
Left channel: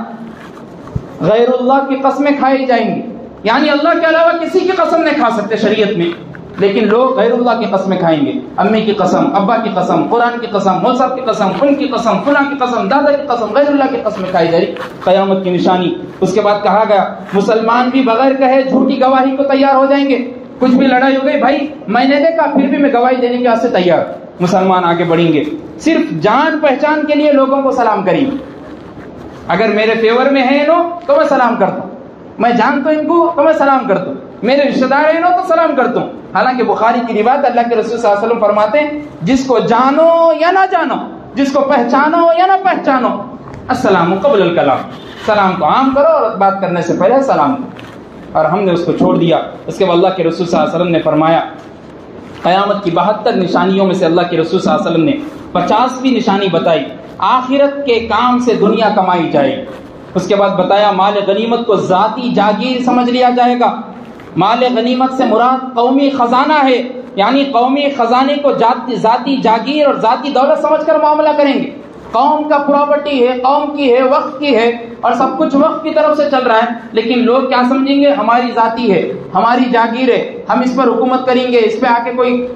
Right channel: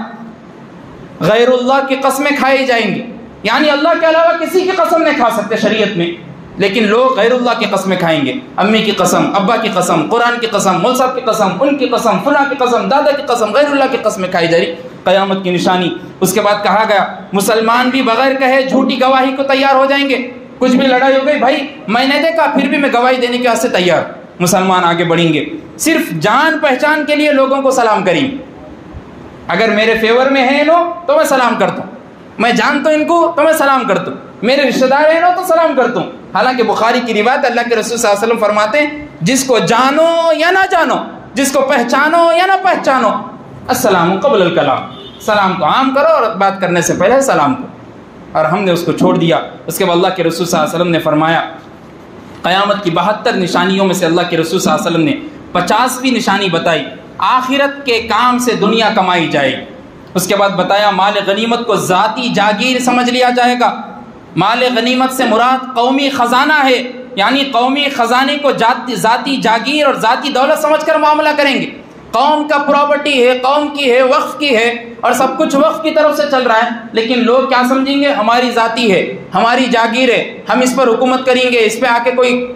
غیر اللہ کی قسمیں کھائی جائیں گی، یعنی اللہ کے علاوہ کسی کی قسم نہیں کھا سکتے شریعت میں، لیکن لوگ غیر اللہ کی قسمیں کھائیں گے، امی کی قسم، ابا کی قسم، قرآن کی قسم، مول صاحب کی قسم، ان کی قسم، فلاں کی قسم، دادا کی قسم، غیر اللہ کی قسمیں کھائی جا رہی، قیامت کی نشانی۔ اس کے بعد کہا گیا مسلمان بھی بغیر کہے جھوٹی گواہی کو تیار ہو جائیں گے، کچھ بھی لڑائی ہو گئی بھائی میں نے دیکھا پھر بھی میں گواہی دینے کے واسطے تیار، مسلمان آگے بڑھیں گے، صرف جان پہچان کے لیے لوگوں کو سلام کریں گے، اگر میرے فیور میں ہیں لوگ تو میں سلام کرتا ہوں، میں جانتا ہوں ان کو تو میں سلام کرتا ہوں، میرے رشتہ دار ہیں لوگ تو سلام کرتا ہوں۔ حالانکہ بخاری کی روایت اللہ کے رسول صلی اللہ علیہ وسلم فرماتے ہیں جس کو جانو یا نہ جانو، جس کو پہچانو یا نہ پہچانو، السلام قبل الکلام، سلام کو عام کرو اور بات کرنے سے پہلے سلام کرو، اور ہم نے اس کو چھوڑ دیا۔ اس کے بعد اللہ کے رسول صلی اللہ علیہ وسلم نے فرمایا قیامت کی 72 نشانیوں میں سے اللہ کے رسول صلی اللہ علیہ وسلم نے 50ویں نشانی بتائی، آخرت کے کام سے دنیا کمائی جائے گی۔ اس کے بعد بتایا مال غنیمت کو ذاتی جاگیر سمجھ لیا جائے گا، مال غنیمت سے مراد قومی خزانہ ہے، یعنی قومی خزانے کو ذاتی جاگیر اور ذاتی دولت سمجھ کر معاملہ کریں گے، قوم کا پراپرٹی ہے، قوم کی ہے، وقف کی ہے، اور سب کچھ وقف کی طرف سے چل رہا ہے، لیکن لوگ کیا سمجھیں گے ہماری ذاتی ہے، ہماری جاگیر ہے، ہم اس پر حکومت کریں گے، اس پہ آ کے کوئی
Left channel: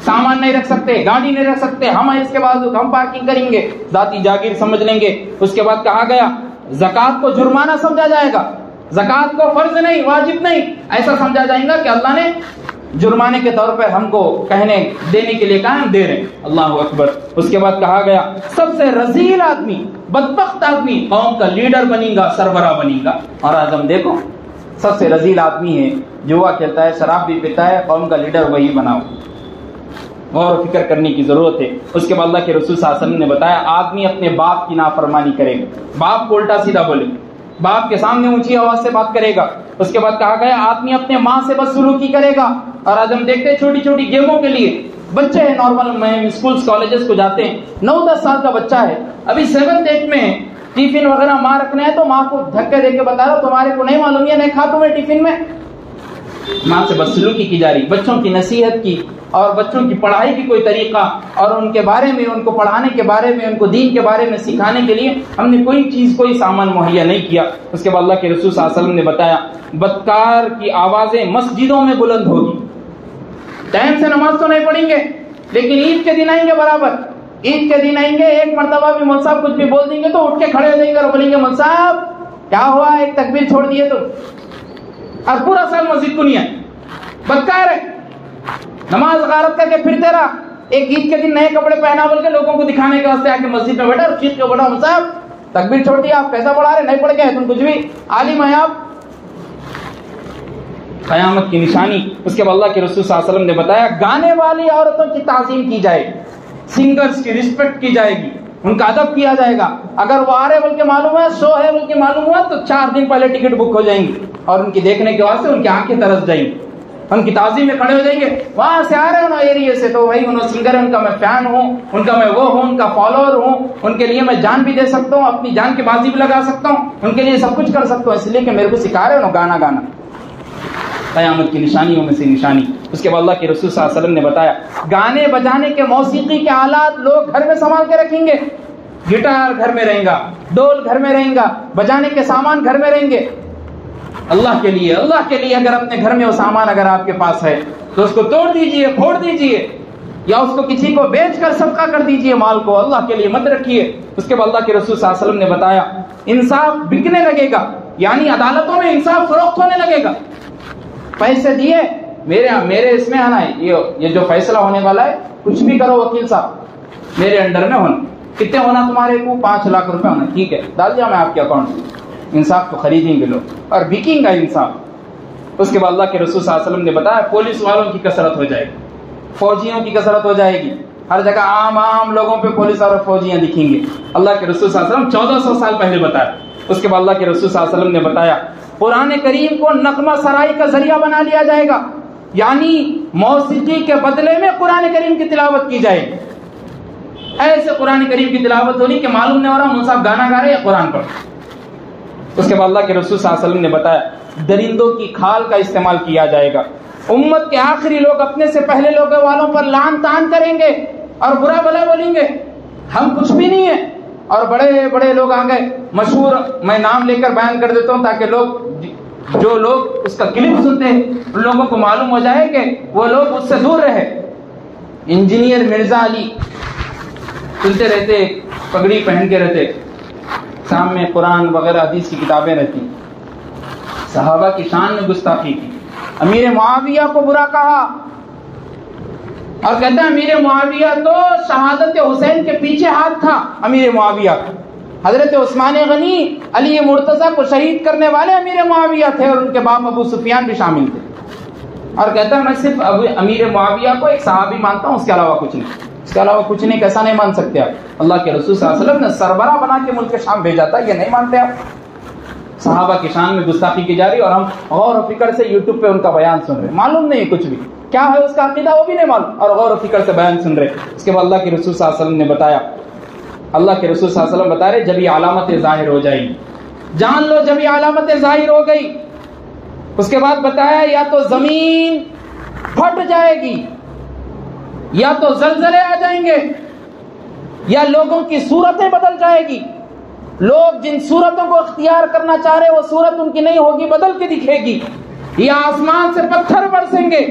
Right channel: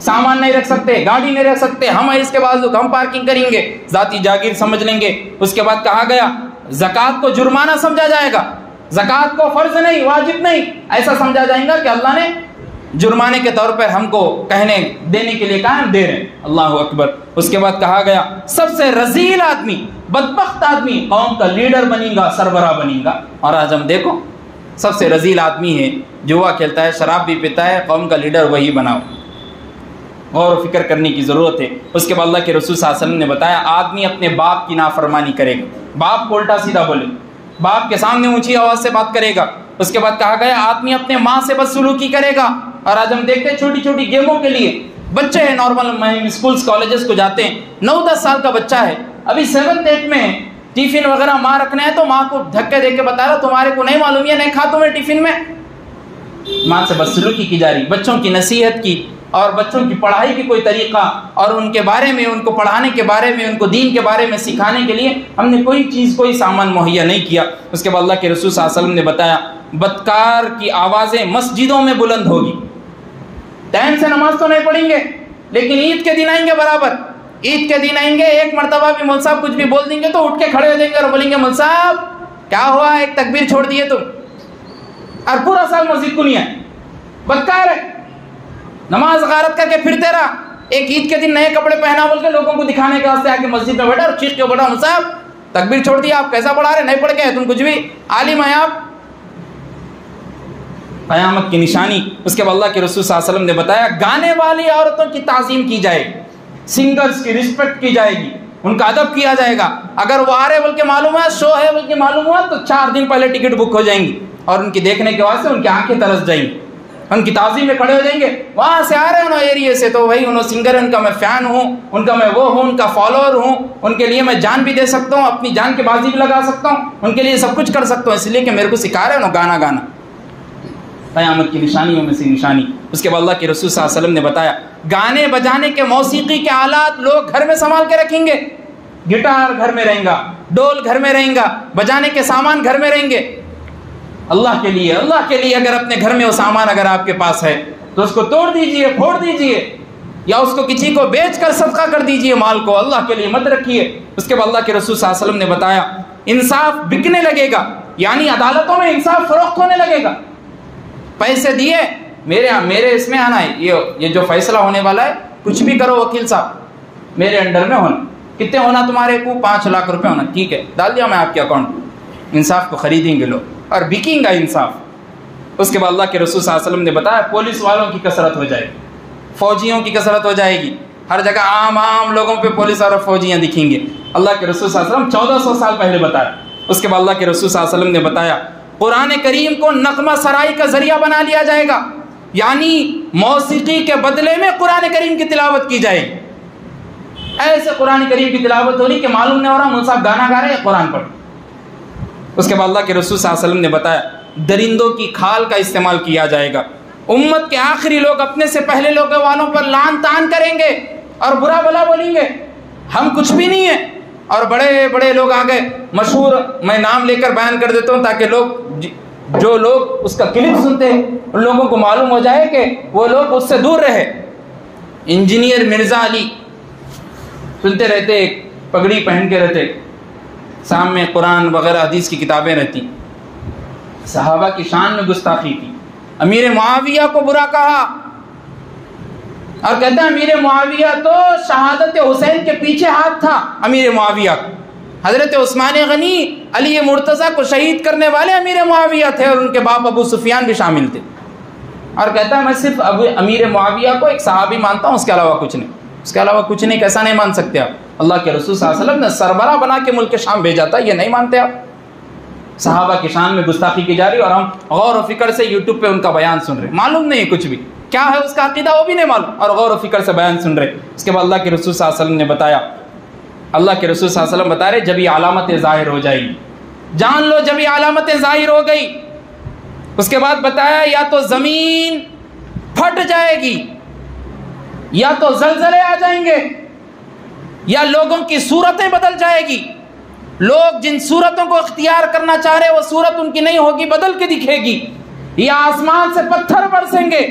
سامان نہیں رکھ سکتے، گاڑی نہیں رکھ سکتے، ہم اس کے بعد ہم پارکنگ کریں گے، ذاتی جاگیر سمجھ لیں گے۔ اس کے بعد کہا گیا زکوٰۃ کو جرمانہ سمجھا جائے گا، زکوٰۃ کو فرض نہیں، واجب نہیں، ایسا سمجھا جائے گا کہ اللہ نے جرمانے کے طور پر ہم کو کہنے دینے کے لیے کہا ہم دے رہے ہیں، اللہ اکبر۔ اس کے بعد کہا گیا سب سے رذیل آدمی، بدبخت آدمی قوم کا لیڈر بنے گا، سربراہ بنے گا، اور آج ہم دیکھو سب سے رذیل آدمی ہے، جوا کھیلتا ہے، شراب بھی پیتا ہے، قوم کا لیڈر وہی بناؤ۔ غور و فکر کرنے کی ضرورت ہے۔ اس کے بعد اللہ کے رسول صلی اللہ علیہ وسلم نے بتایا آدمی اپنے باپ کی نافرمانی کرے گا، باپ کو الٹا سیدھا بولے، باپ کے سامنے اونچی آواز سے بات کرے گا۔ اس کے بعد کہا گیا آدمی اپنے ماں سے بدسلوکی کرے گا، اور آج ہم دیکھتے ہیں چھوٹی چھوٹی گیموں کے لیے بچے ہیں، نارمل اسکولز کالجز کو جاتے ہیں، 9-10 سال کا بچہ ہے، ابھی 7th-8 میں ہے، ٹیفن وغیرہ ماں رکھنا ہے تو ماں کو دھکے دے کے بتا رہا تمہارے کو نہیں معلوم، یہ نہیں کھا تمہیں ٹیفن میں، ماں سے بدسلوکی کی جا رہی، بچوں کی نصیحت کی اور بچوں کی پڑھائی کی کوئی طریقہ اور ان کے بارے میں، ان کو پڑھانے کے بارے میں، ان کو دین کے بارے میں سکھانے کے لیے ہم نے کوئی چیز، کوئی سامان مہیا نہیں کیا۔ اس کے بعد اللہ کے رسول صلی اللہ علیہ وسلم نے بتایا بدکار کی آوازیں مسجدوں میں بلند ہوگی، ٹائم سے نماز تو نہیں پڑھیں گے لیکن عید کے دن آئیں گے، برابر عید کے دن آئیں گے، ایک مرتبہ بھی مول صاحب کچھ بھی بول دیں گے تو اٹھ کے کھڑے ہو جائیں گے اور بولیں گے مول صاحب کیا ہوا، ایک تکبیر چھوڑ دیے تم، اور پورا سال مسجد کو نہیں آئے، بدکار ہے، نماز غارت کر کے پھرتے رہا، ایک عید کے دن نئے کپڑے پہنا بول کے لوگوں کو دکھانے کے واسطے آ کے مسجد میں بیٹھا اور چیخ کے بولا مول صاحب تکبیر چھوڑ دیا آپ کیسا پڑھا رہے, نہیں پڑھ کے تم کچھ بھی عالم ہیں آپ. قیامت کی نشانی. اس کے بعد اللہ کے رسول صلی اللہ علیہ وسلم نے بتایا گانے والی عورتوں کی تعظیم کی جائے گی, سنگرز کی رسپیکٹ کی جائے گی, ان کا ادب کیا جائے گا. اگر وہ آ رہے بلکہ معلوم ہے, شو ہے بلکہ معلوم ہوا, تو 4 دن پہلے ٹکٹ بک ہو جائیں گی اور ان کی دیکھنے کے واسطے ان کی آنکھیں ترس جائیں گی, ان کی تعظیم میں کھڑے ہو جائیں گے. وہاں سے آ رہے ہیں انہوں ایریے سے, تو بھائی انہوں سنگر ہے, ان کا میں فین ہوں, ان کا میں وہ ہوں, ان کا فالوور ہوں, ان کے لیے میں جان بھی دے سکتا ہوں, اپنی جان کی بازی بھی لگا سکتا ہوں, ان کے لیے سب کچھ کر سکتا ہوں, اس لیے کہ میرے کو سکھا رہے ہیں گانا گانا. قیامت کی نشانیوں میں سے نشانی. اس کے بعد اللہ کے رسول صلی اللہ علیہ وسلم نے بتایا گانے بجانے کے موسیقی کے آلات لوگ گھر میں سنبھال کے رکھیں گے. گٹار گھر میں رہیں گا, ڈول گھر میں رہیں گا, بجانے کے سامان گھر میں رہیں گے. اللہ کے لیے اگر اپنے گھر میں وہ سامان اگر آپ کے پاس ہے تو اس کو توڑ دیجئے, پھوڑ دیجئے, یا اس کو کسی کو بیچ کر صدقہ کر دیجئے مال کو, اللہ کے لیے مت رکھیے. اس کے بعد اللہ کے رسول صلی اللہ علیہ وسلم نے بتایا انصاف بکنے لگے گا, یعنی عدالتوں میں انصاف فروخت ہونے لگے گا. پیسے دیے میرے اس میں آنا ہے, یہ جو فیصلہ ہونے والا ہے, کچھ بھی کرو وکیل صاحب میرے انڈر میں ہونا. کتنے ہونا تمہارے کو؟ 5 لاکھ روپے ہونا, ٹھیک ہے ڈال دیا میں آپ کے اکاؤنٹ میں. انصاف کو خریدیں گے لوگ اور بکیں گا انصاف. اس کے بعد اللہ کے رسول صلی اللہ علیہ وسلم نے بتایا پولیس والوں کی کثرت ہو جائے گی, فوجیوں کی کثرت ہو جائے گی. ہر جگہ عام لوگوں پہ پولیس اور فوجیاں دکھیں گے. اللہ کے رسول صلی اللہ علیہ وسلم 1400 سال پہلے بتایا. اس کے بعد اللہ کے رسول صلی اللہ علیہ وسلم نے بتایا قرآن کریم کو نغمہ سرائی کا ذریعہ بنا لیا جائے گا, یعنی موسیقی کے بدلے میں قرآن کریم کی تلاوت کی جائے. ایسے قرآن کریم کی تلاوت ہو رہی کہ معلوم نہیں ہو رہا مول صاحب گانا گا رہے ہیں قرآن پر. اس کے بعد اللہ کے رسول صلی اللہ علیہ وسلم نے بتایا درندوں کی کھال کا استعمال کیا جائے گا. امت کے آخری لوگ اپنے سے پہلے لوگوں والوں پر لعن طعن کریں گے اور برا بلا بولیں گے, ہم کچھ بھی نہیں ہیں. اور بڑے بڑے لوگ آ گئے مشہور, میں نام لے کر بیان کر دیتا ہوں تاکہ جو لوگ اس کا کلپ سنتے ہیں ان لوگوں کو معلوم ہو جائے کہ وہ لوگ اس سے دور رہے. انجینئر مرزا علی سنتے رہتے, پگڑی پہن کے رہتے, سامنے قرآن وغیرہ حدیث کی کتابیں رہتی. صحابہ کی شان میں گستاخی کی, امیر معاویہ کو برا کہا اور کہتا ہے امیر معاویہ تو شہادت حسین کے پیچھے ہاتھ تھا. امیر معاویہ حضرت عثمان غنی علی مرتضیٰ کو شہید کرنے والے امیر معاویہ تھے اور ان کے باپ ابو سفیان بھی شامل تھے. اور کہتا ہے میں صرف امیر معاویہ کو ایک صحابی مانتا ہوں, اس کے علاوہ کچھ نہیں, اس کے علاوہ کچھ نہیں. کیسا نہیں مان سکتے آپ؟ اللہ کے رسول صلی اللہ علیہ وسلم نے سربراہ بنا کے ملک شام بھیجا تھا, یہ نہیں مانتے آپ؟ صحابہ کی شان میں گستاخی کی جا رہی اور ہم غور و فکر سے یوٹیوب پہ ان کا بیان سن رہے, معلوم نہیں ہے کچھ بھی کیا ہے اس کا عقیدہ وہ بھی نہیں معلوم, اور غور و فکر سے بیان سن رہے. اس کے بعد اللہ کے رسول صلی اللہ علیہ وسلم نے بتایا, اللہ کے رسول صلی اللہ علیہ وسلم بتا رہے جب یہ علامتیں ظاہر ہو جائیں گی, جان لو جب یہ علامتیں ظاہر ہو گئی. اس کے بعد بتایا یا تو زمین پھٹ جائے گی, یا تو زلزلے آ جائیں گے, یا لوگوں کی صورتیں بدل جائے گی. لوگ جن صورتوں کو اختیار کرنا چاہ رہے وہ صورت ان کی نہیں ہوگی, بدل کے دکھے گی. یا آسمان سے پتھر برسیں گے,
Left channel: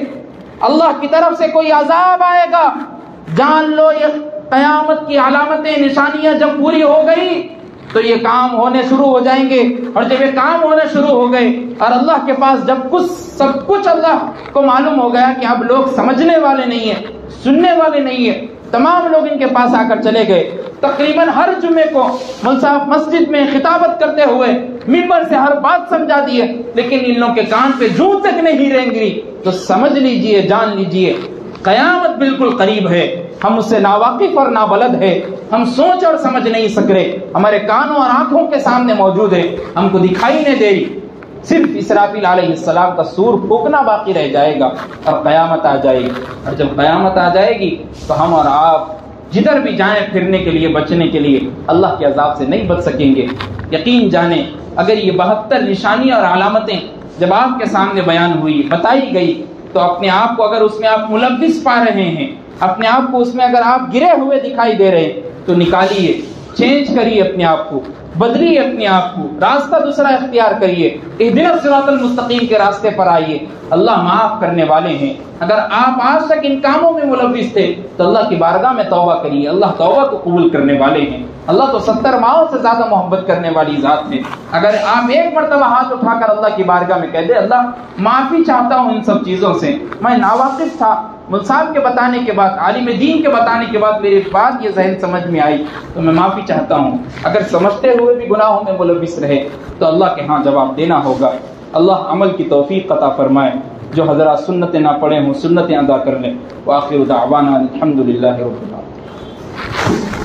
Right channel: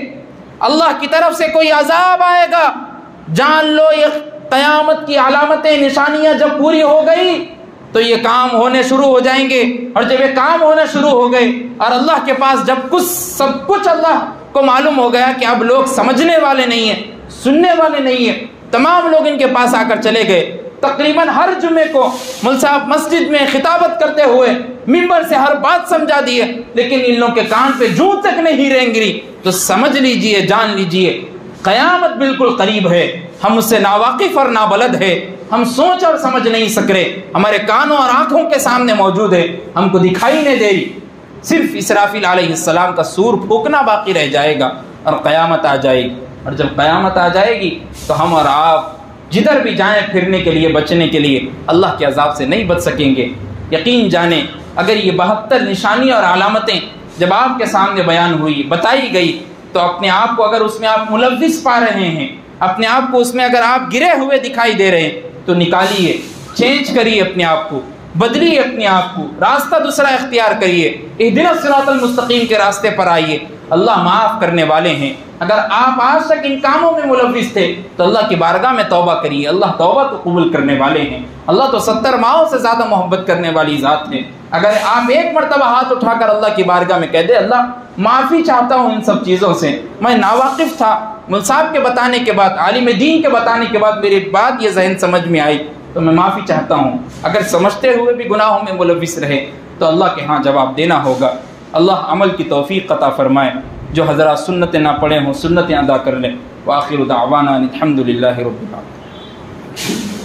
اللہ کی طرف سے کوئی عذاب آئے گا. جان لو یہ قیامت کی علامتیں نشانیاں جب پوری ہو گئی تو یہ کام ہونے شروع ہو جائیں گے. اور جب یہ کام ہونا شروع ہو گئے اور اللہ کے پاس جب سب کچھ اللہ کو معلوم ہو گیا کہ اب لوگ سمجھنے والے نہیں ہیں, سننے والے نہیں ہیں, تمام لوگ ان کے پاس آ کر چلے گئے. تقریباً ہر جمعے کو مول صاحب مسجد میں خطابت کرتے ہوئے منبر سے ہر بات سمجھا دیے, لیکن ان لوگوں کے کان پہ جوں تک نہیں رہیں گری. تو سمجھ لیجئے, جان لیجئے قیامت بالکل قریب ہے. ہم اس سے ناواقف اور نابلد ہے, ہم سوچ اور سمجھ نہیں سک رہے, ہمارے کانوں اور آنکھوں کے سامنے موجود ہے, ہم کو دکھائی نہیں دے رہی. صرف اسرافیل علیہ السلام کا سور پھونکنا باقی رہ جائے گا اور قیامت آ جائے گی. اور جب قیامت آ جائے گی تو ہم اور آپ جدھر بھی جائیں پھرنے کے لیے, بچنے کے لیے اللہ کے عذاب سے نہیں بچ سکیں گے. یقین جانیں اگر یہ 72 نشانی اور علامتیں جب آپ کے سامنے بیان ہوئی, بتائی گئی, تو اپنے آپ کو اگر اس میں آپ ملوث پا رہے ہیں, اپنے آپ کو اس میں اگر آپ گرے ہوئے دکھائی دے رہے تو نکالیے, چینج کریے اپنے آپ کو, بدلیے اپنے آپ کو, راستہ دوسرا اختیار کریے. اہدنا الصراط المستقیم کے راستے پر آئیے۔ اللہ معاف کرنے والے ہیں۔ اگر آپ آج تک ان کاموں میں ملوث تھے تو اللہ کی بارگاہ میں توبہ کریے، اللہ توبہ کو قبول کرنے والے ہیں۔ اللہ تو 70 ماؤں سے زیادہ محبت کرنے والی ذات ہے۔ اگر آپ ایک مرتبہ ہاتھ اٹھا کر اللہ کی بارگاہ میں کہہ دے اللہ معافی چاہتا ہوں ان سب چیزوں سے، میں ناواقف تھا، مول صاحب کے بتانے کے بعد، عالم دین کے بتانے کے بعد میری بات یہ ذہن سمجھ میں آئی تو میں معافی چاہتا ہوں۔ اگر سمجھتے ہوئے بھی گناہوں میں ملوث رہے تو اللہ کے ہاں جواب دینا ہوگا۔ اللہ عمل کی توفیق عطا فرمائے۔ جو حضرات سنتیں نہ پڑھے ہوں سنتیں ادا کر لیں۔ وآخر دعوانا الحمدللہ رب العالمین۔